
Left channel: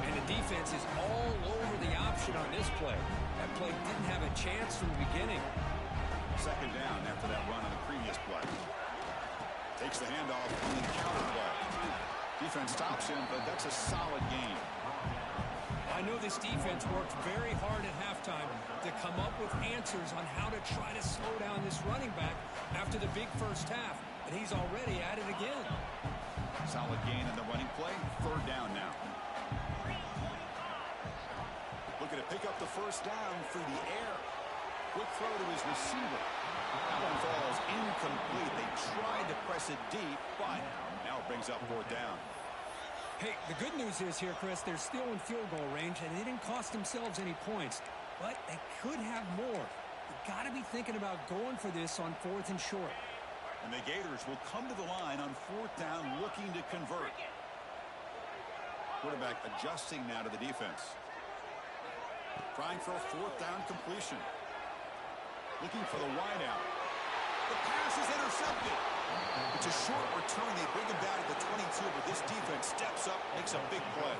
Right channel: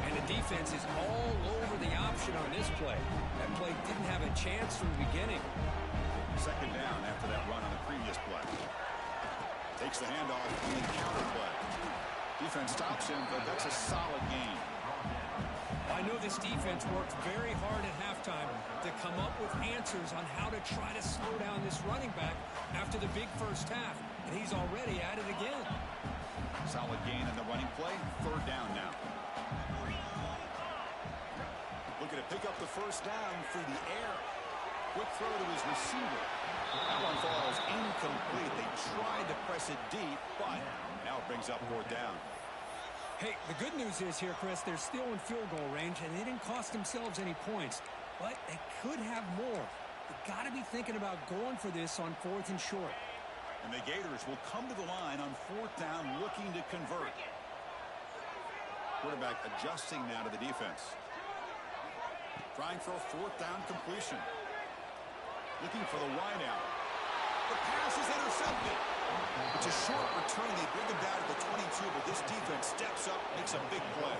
And the defense is all over the option on this play. That play didn't have a chance from the beginning. Second down after that run on the previous play. Takes the handoff on the counter play. Defense stops him, but that's a solid gain. I know this defense worked very hard at halftime to come up with answers on how to try to slow down this running back after the big first half, and he's already at it again. Solid gain in the running play. Third down now. Looking to pick up the first down through the air. Quick throw to his receiver. That one falls incomplete. They tried to press it deep, but now it brings up 4th down. Hey, the good news is here, Chris, they're still in field goal range, and they didn't cost themselves any points, but they could have more. You got to be thinking about going for this on 4th and short. And the Gators will come to the line on 4th down looking to convert. Quarterback adjusting now to the defense. Trying for a 4th down completion. Looking for the wide out. The pass is intercepted. It's a short return. They bring him down to the 22, but this defense steps up, makes a big play.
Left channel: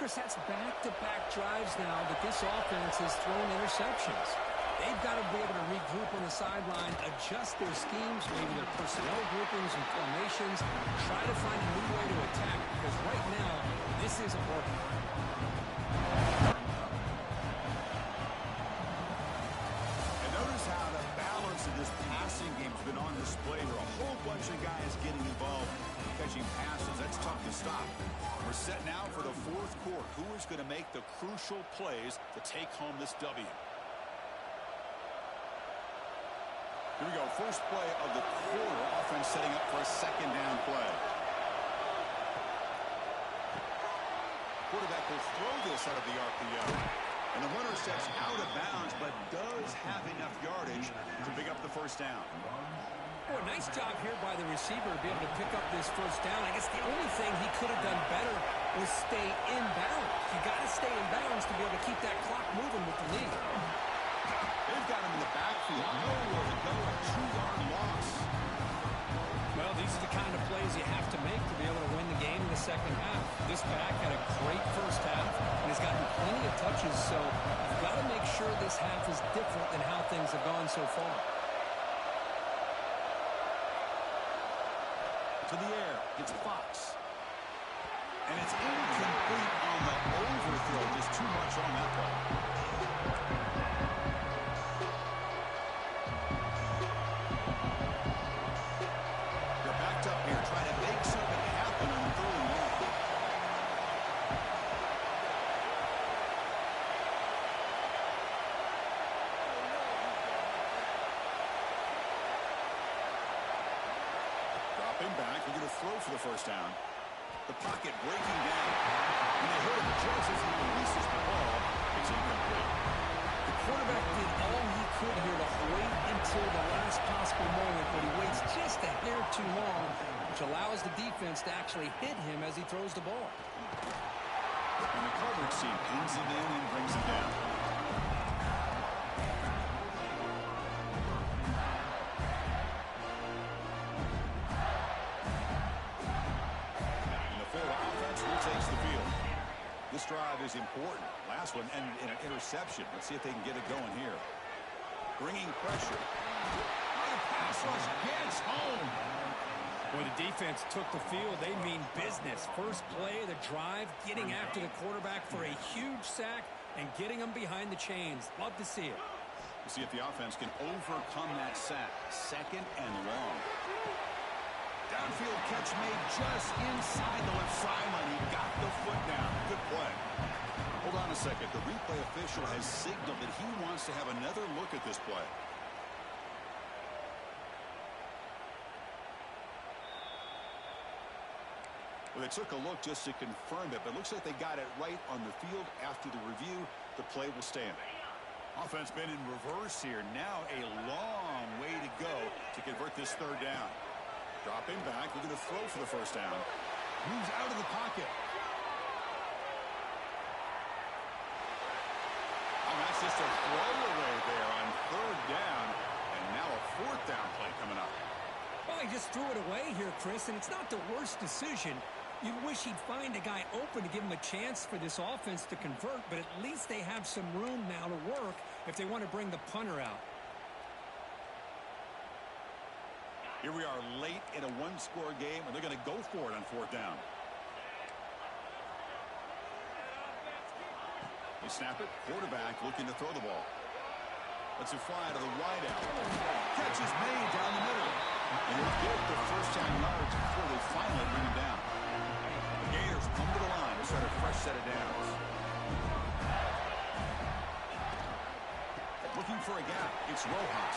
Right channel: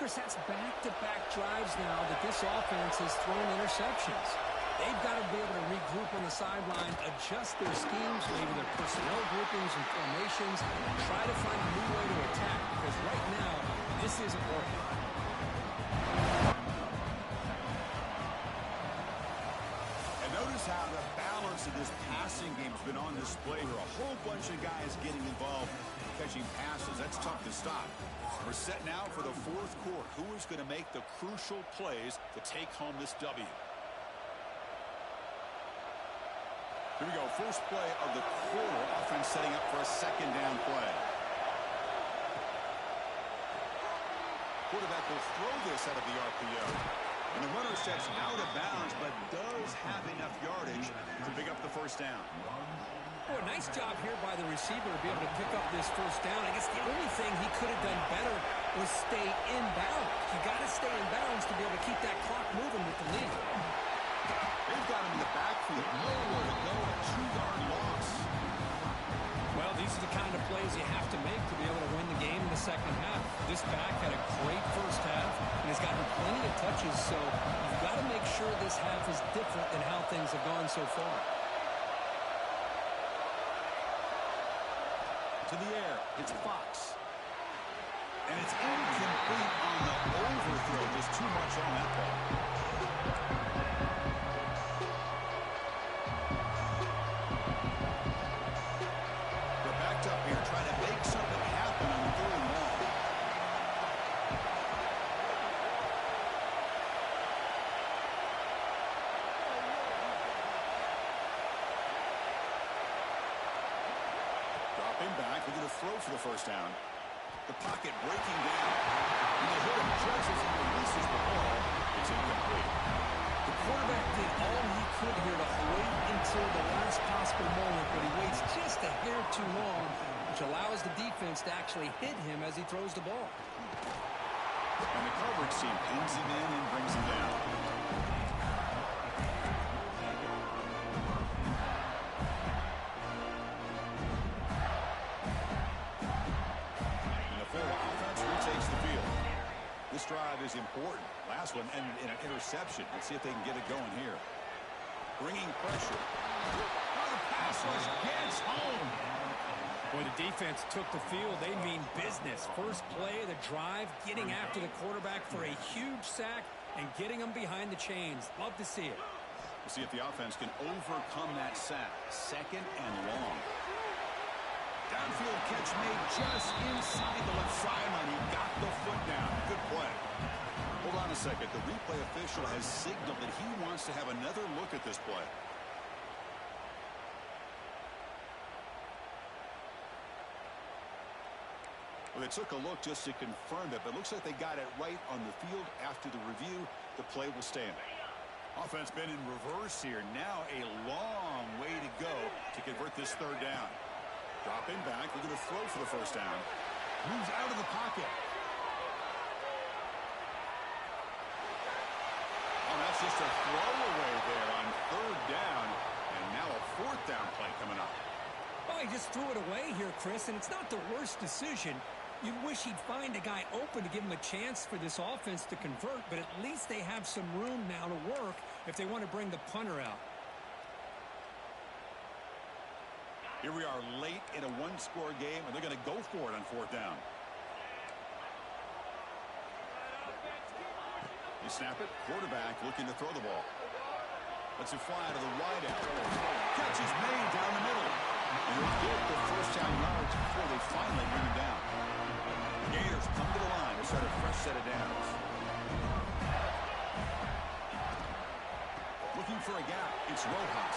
Chris, that's back-to-back drives now that this offense has thrown interceptions. They've got to be able to regroup on the sideline, adjust their schemes, maybe their personnel groupings and formations, try to find a new way to attack, because right now, this isn't working. And notice how the balance of this passing game has been on display here. A whole bunch of guys getting involved in catching passes. That's tough to stop. We're set now for the 4th quarter. Who is going to make the crucial plays to take home this W? Here we go. First play of the quarter. Offense setting up for a 2nd down play. Quarterback will throw this out of the RPO. And the runner steps out of bounds, but does have enough yardage to pick up the first down. Boy, nice job here by the receiver to be able to pick up this first down. I guess the only thing he could have done better was stay in bounds. You got to stay in bounds to be able to keep that clock moving with the lead. They've got him in the backfield. Nowhere to go. A 2-yard loss. Well, these are the kind of plays you have to make to be able to win the game in the second half. This back had a great first half and has gotten plenty of touches, so you've got to make sure this half is different than how things have gone so far. To the air. It's Fox. And it's incomplete on the overthrow. Just too much on that ball. They're backed up here trying to make something happen on 3rd and long. Dropping back. They're going to throw for the first down. The pocket breaking down. And they hit him just as he releases the ball. It's incomplete. The quarterback did all he could here to wait until the last possible moment, but he waits just a hair too long, which allows the defense to actually hit him as he throws the ball. And the coverage team pins him in and brings him down. And the Florida offense retakes the field. This drive is important. Last one ended in an interception. Let's see if they can get it going here. Bringing pressure. Oh, the pass rush gets home. Boy, the defense took the field. They mean business. First play of the drive, getting after the quarterback for a huge sack and getting him behind the chains. Love to see it. We'll see if the offense can overcome that sack. 2nd and long. Downfield catch made just inside the left sideline. He got the foot down. Good play. Hold on a second. The replay official has signaled that he wants to have another look at this play. Well, they took a look just to confirm it, but it looks like they got it right on the field. After the review, the play will stand. Offense been in reverse here. Now a long way to go to convert this 3rd down. Dropping back, looking to throw for the 1st down. Moves out of the pocket. Oh, that's just a throwaway there on 3rd down. And now a 4th down play coming up. Well, he just threw it away here, Chris, and it's not the worst decision. You'd wish he'd find a guy open to give him a chance for this offense to convert, but at least they have some room now to work if they want to bring the punter out. Here we are late in a 1-score game, and they're going to go for it on 4th down. They snap it. Quarterback looking to throw the ball. Lets it fly to the wideout. Catch is made down the middle. And he'll get the 1st down yards before they finally bring him down. The Gators come to the line to start a fresh set of downs. Looking for a gap. It's Rojas.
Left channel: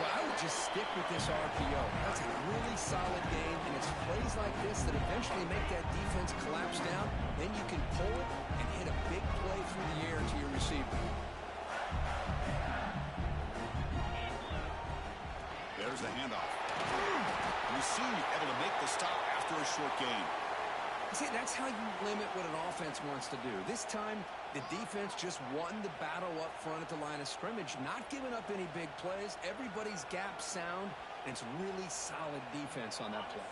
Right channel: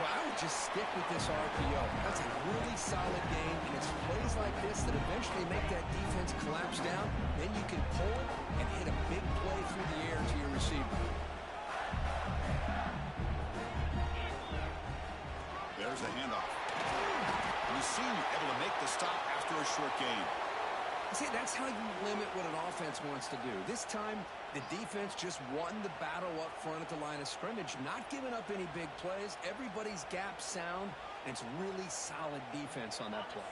Well, I would just stick with this RPO. That's a really solid game, and it's plays like this that eventually make that defense collapse down. Then you can pull it and hit a big play through the air to your receiver. There's the handoff. And the senior able to make the stop after a short gain. See, that's how you limit what an offense wants to do. This time, the defense just won the battle up front at the line of scrimmage, not giving up any big plays. Everybody's gap sound, and it's really solid defense on that play.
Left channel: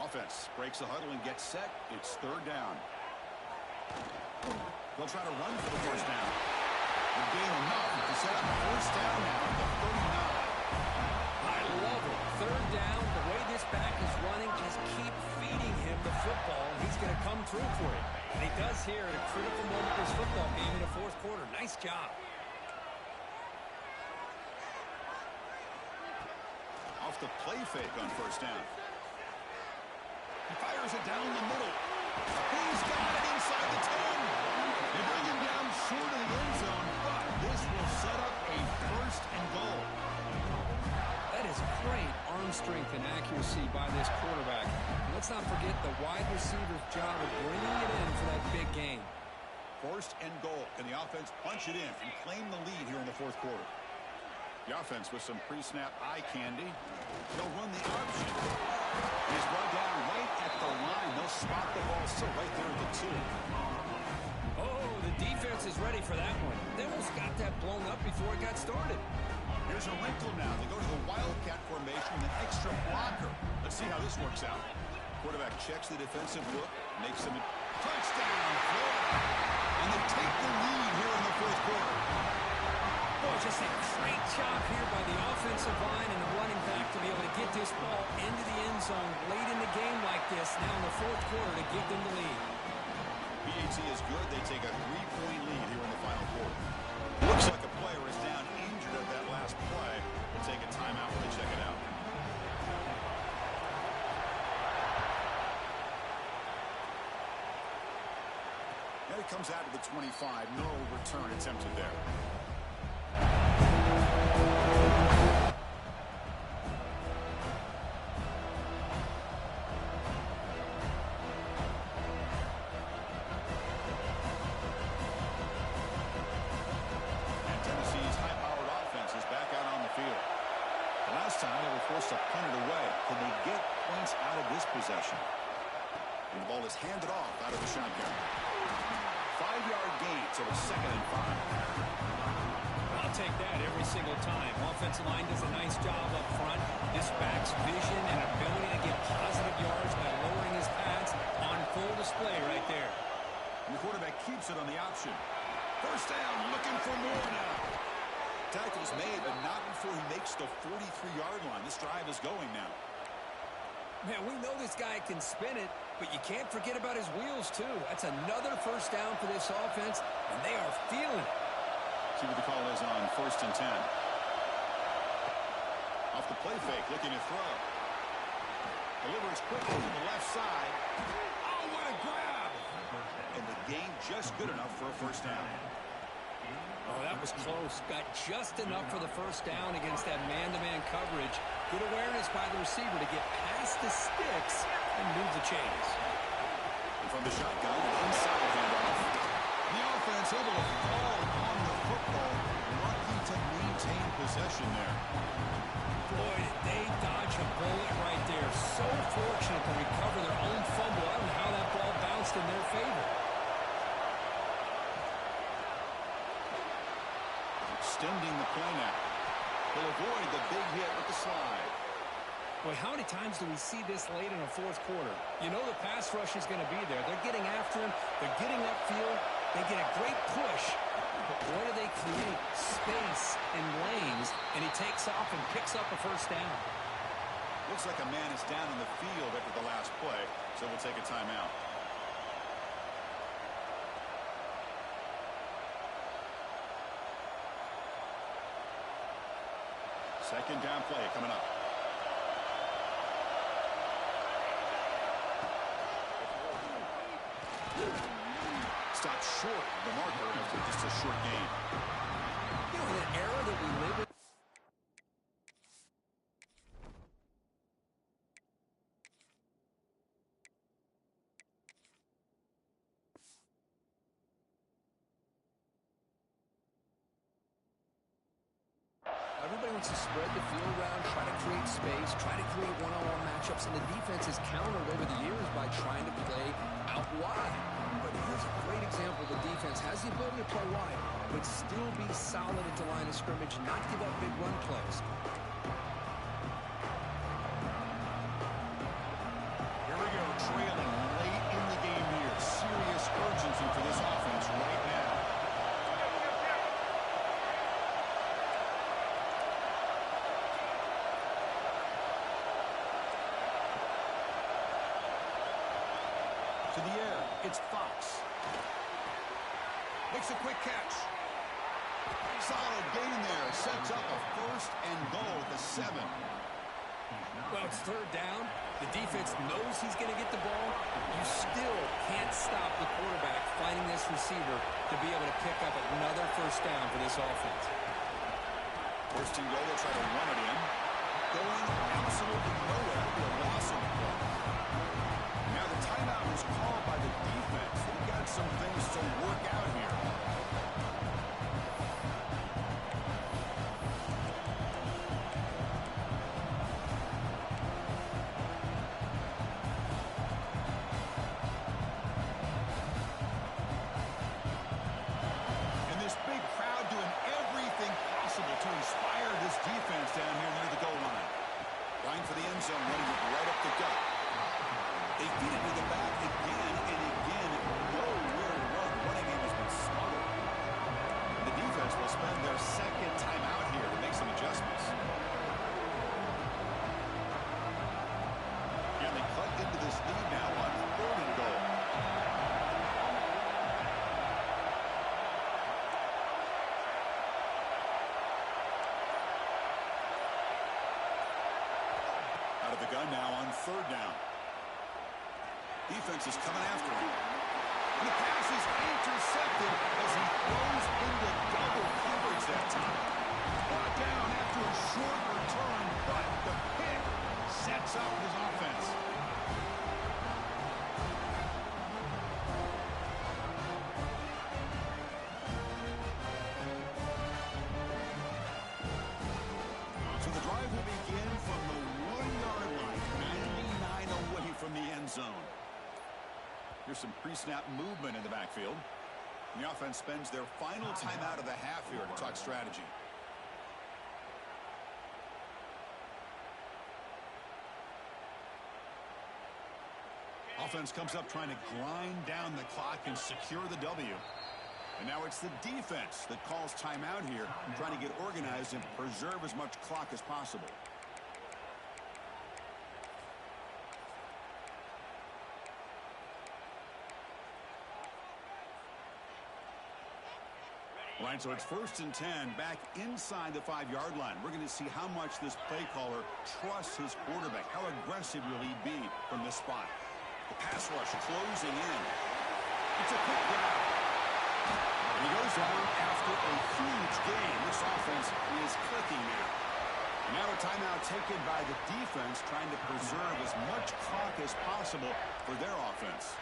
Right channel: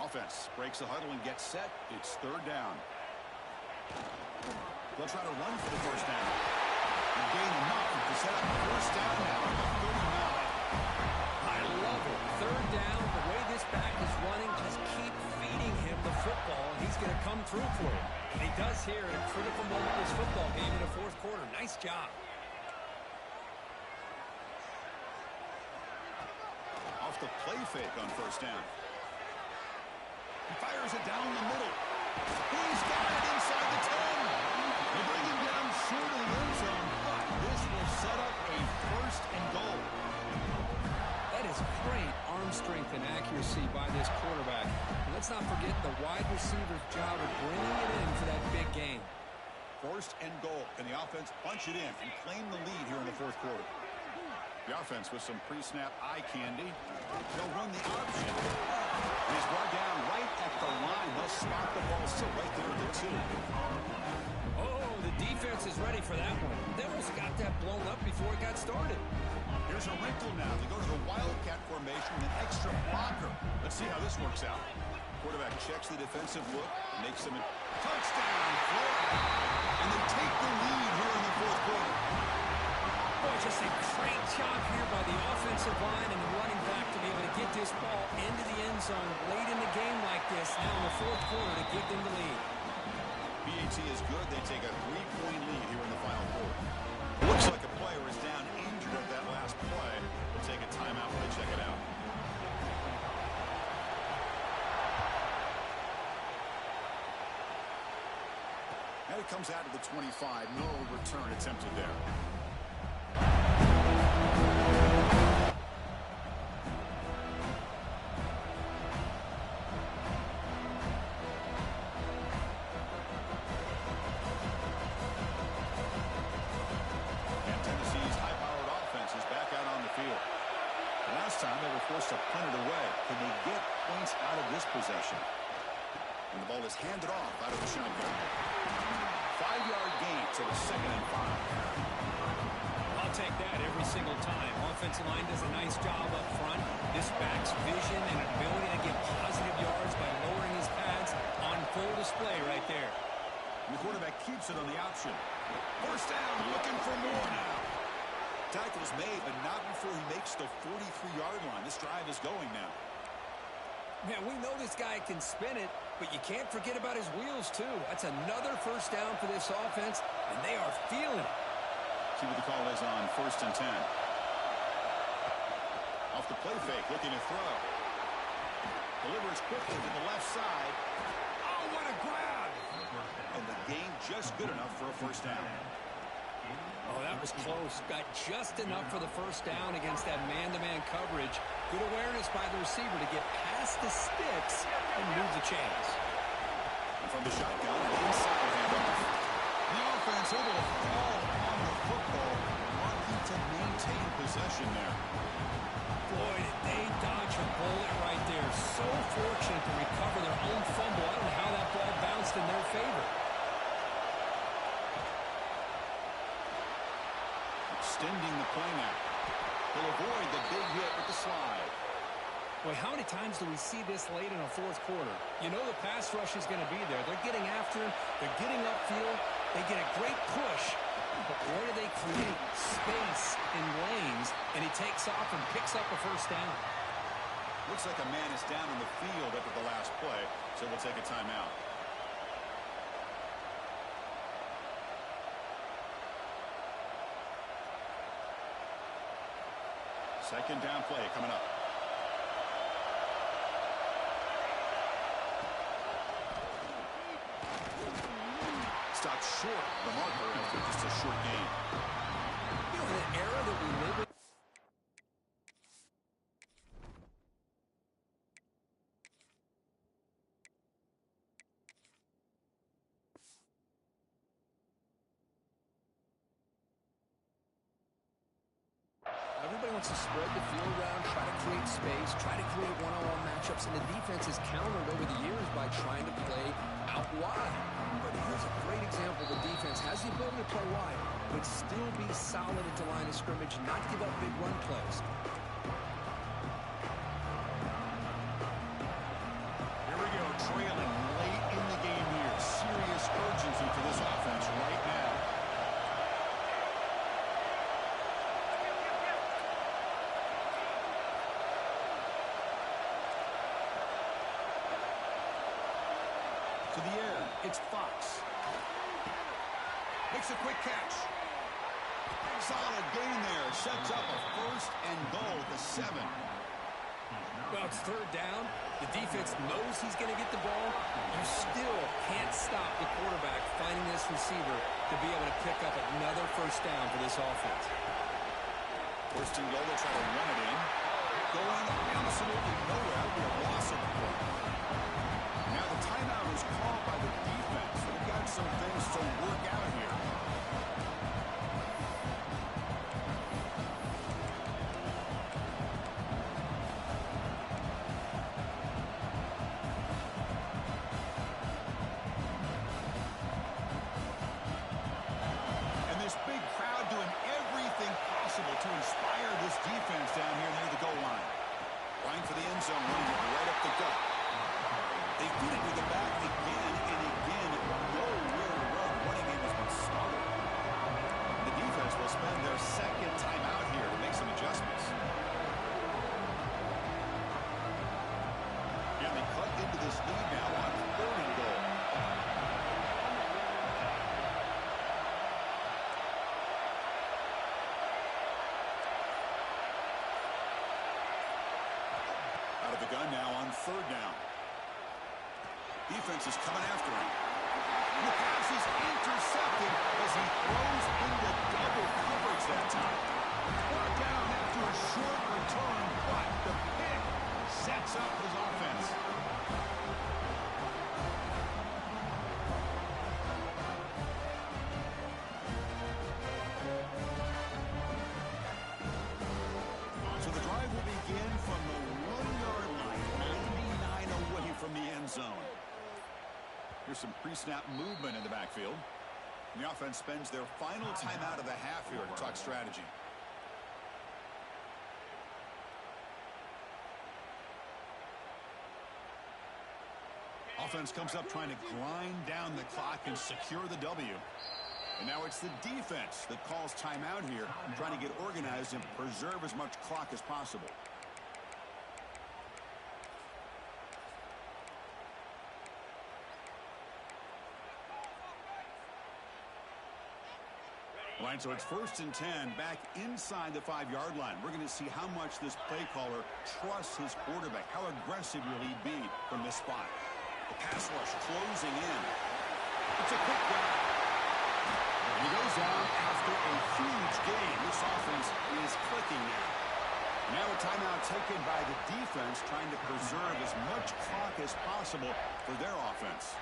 Offense breaks the huddle and gets set. It's 3rd down. They'll try to run for the 1st down. And gain enough to set up 1st down now at the 39. I love it. 3rd down, the way this back is running, just keep feeding him the football, and he's going to come through for you. And he does here at a critical moment in this football game in the 4th quarter. Nice job. Off the play fake on 1st down. He fires it down the middle. He's got it inside the 10. They bring him down short of the end zone, but this will set up a 1st and goal. That is great arm strength and accuracy by this quarterback. And let's not forget the wide receiver's job of bringing it in for that big game. 1st and goal. Can the offense punch it in and claim the lead here in the 4th quarter? The offense with some pre-snap eye candy. They'll run the option. And he's brought down right at the line. They'll spot the ball still right there at the 2. Oh, the defense is ready for that one. They almost got that blown up before it got started. Here's a wrinkle now. They go to the Wildcat formation with an extra blocker. Let's see how this works out. Quarterback checks the defensive look, makes him a touchdown, Florida. And they take the lead here in the 4th quarter. Boy, just a great job here by the offensive line and the running back to be able to get this ball into the end zone late in the game like this, now in the 4th quarter to give them the lead. PAT is good. They take a 3-point lead here in the final quarter. Looks like a player is down injured at that last play. We'll take a timeout when they check it out. And it comes out to the 25. No return attempted there. Last time they were forced to punt it away. Can they get points out of this possession? And the ball is handed off out of the shotgun. 5-yard gain, so it's 2nd and 5. I'll take that every single time. Offensive line does a nice job up front. This back's vision and ability to get positive yards by lowering his pads on full display right there. And the quarterback keeps it on the option. 1st down, looking for more now. Tackle's made, but not before he makes the 43-yard line. This drive is going now. Man, we know this guy can spin it, but you can't forget about his wheels, too. That's another 1st down for this offense, and they are feeling it. See what the call is on 1st and 10. Off the play fake, looking to throw. Delivers quickly to the left side. Oh, what a grab! And the gain just good enough for a first down. Oh, that was close. Got just enough for the first down against that man-to-man coverage. Good awareness by the receiver to get past the sticks and move the chains. And from the shotgun, an inside handoff. The offense able to fall on the football. Lucky to maintain possession there. Boy, did they dodge a bullet right there. So fortunate to recover their own fumble. I don't know how that ball bounced in their favor. Extending the play now. He'll avoid the big hit with the slide. Boy, how many times do we see this late in a fourth quarter? You know the pass rush is going to be there. They're getting after him. They're getting upfield. They get a great push. But boy, do they create space in lanes, and he takes off and picks up a first down. Looks like a man is down on the field after the last play, so we'll take a timeout. Second down play coming up. Stopped short of the marker after just a short gain. You know, in the era that we live in, everybody wants to spread the field around, try to create space, try to create one-on-one matchups, and the defense has countered over the years by trying to play out wide. But here's a great example. The defense has the ability to play wide, but still be solid at the line of scrimmage and not give up big run plays. Here we go, trailing late in the game here. Serious urgency for this offense right now. To the air, it's Fox. Makes a quick catch. Solid gain there. Sets up a first and goal at the 7. Well, it's third down. The defense knows he's going to get the ball. You still can't stop the quarterback finding this receiver to be able to pick up another first down for this offense. First and goal, they'll try to run it in. Going absolutely nowhere. That'll be a loss of the play. Now the timeout is called by the defense. They've got some things to work out here. And this big crowd doing everything possible to inspire this defense down here near the goal line. Line for the end zone, running it right up the gut. They feed it to the back again and again. Nowhere to run. Running game has been smothered. The defense will spend their second time out here to make some adjustments. And they cut into this lead now on 3rd and goal. Out of the gun now on 3rd down. Defense is coming after him. And the pass is intercepted as he throws into double coverage that time. Brought down after a short return, but the pick sets up his offense. So the drive will begin from the 1-yard line, 99 away from the end zone. Here's some pre-snap movement in the backfield. And the offense spends their final timeout of the half here to talk strategy. Offense comes up trying to grind down the clock and secure the W. And now it's the defense that calls timeout here, trying to get organized and preserve as much clock as possible. All right, so it's 1st and 10 back inside the 5-yard line. We're going to see how much this play caller trusts his quarterback. How aggressive will he be from this spot? The pass rush closing in. It's a quick grab. And he goes down after a huge gain. This offense is clicking now. Now a timeout taken by the defense, trying to preserve as much clock as possible for their offense.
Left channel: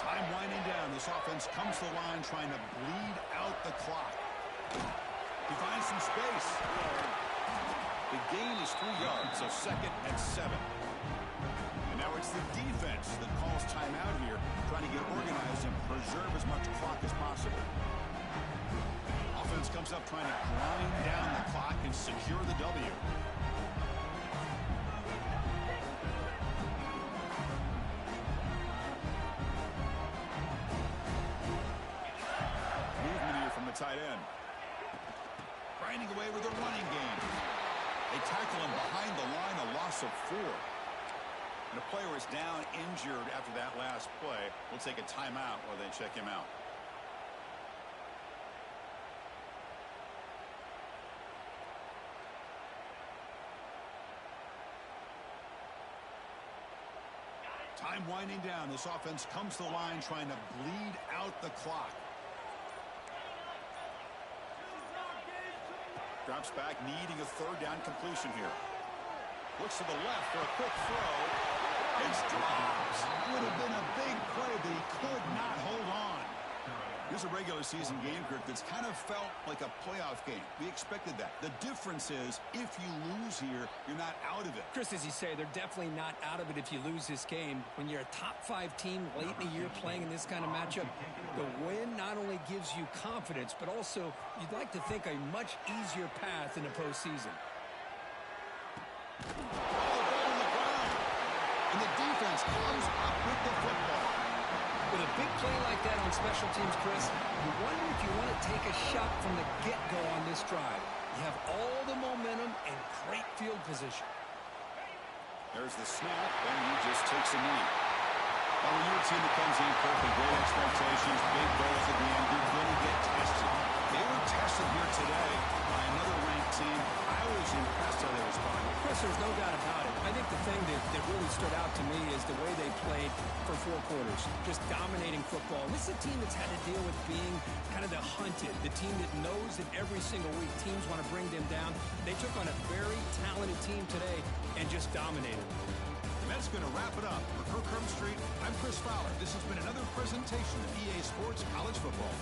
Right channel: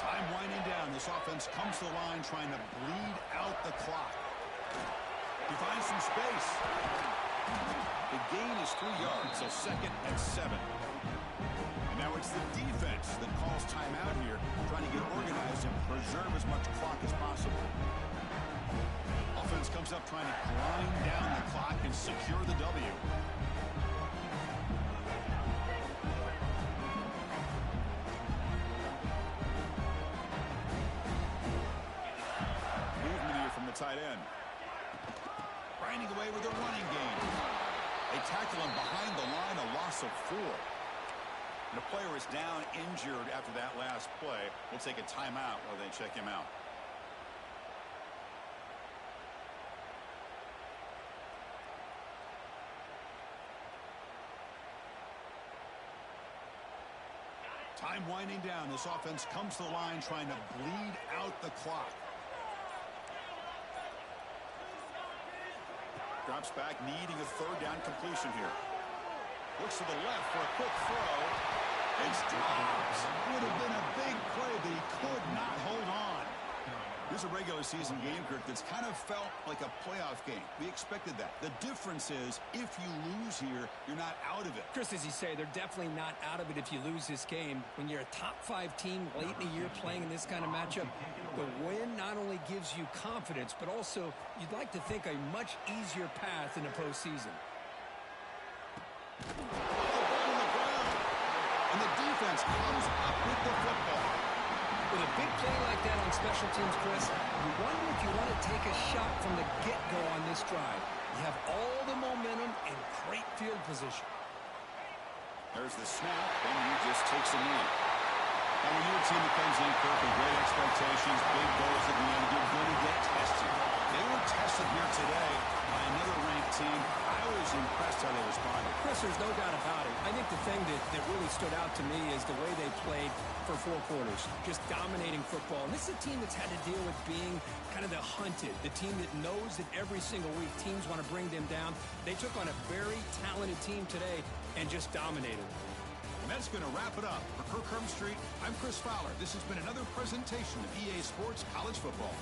Time winding down. This offense comes to the line trying to bleed out the clock. He finds some space. The gain is 3 yards, so 2nd and 7. And now it's the defense that calls timeout here, trying to get organized and preserve as much clock as possible. Offense comes up trying to grind down the clock and secure the W. Tight end. Grinding away with a running game. They tackle him behind the line, a loss of 4. And a player is down injured after that last play. We'll take a timeout while they check him out. Time winding down. This offense comes to the line trying to bleed out the clock. Drops back, needing a 3rd down completion here. Looks to the left for a quick throw. It's dropped. Would have been a big play, but he could not hold on. Here's a regular season game, Kirk, that's kind of felt like a playoff game. We expected that. The difference is, if you lose here, you're not out of it. Chris, as you say, they're definitely not out of it if you lose this game. When you're a top 5 team late in the year playing in this kind of matchup, the win not only gives you confidence, but also you'd like to think a much easier path in the postseason. Oh, the ball on the ground. And the defense comes up with the football. With a big play like that on special teams, Chris, you wonder if you want to take a shot from the get-go on this drive. You have all the momentum and great field position. There's the snap, and he just takes a knee. Now, when you're a team that comes in, Kirk, with great expectations, big goals at the end, you're going to get tested. They were tested here today by another ranked team. I was impressed how they responded. Chris, there's no doubt about it. I think the thing that really stood out to me is the way they played for 4 quarters, just dominating football. And this is a team that's had to deal with being kind of the hunted, the team that knows that every single week teams want to bring them down. They took on a very talented team today and just dominated. And that's going to wrap it up. For Kirk Street, I'm Chris Fowler. This has been another presentation of EA Sports College Football.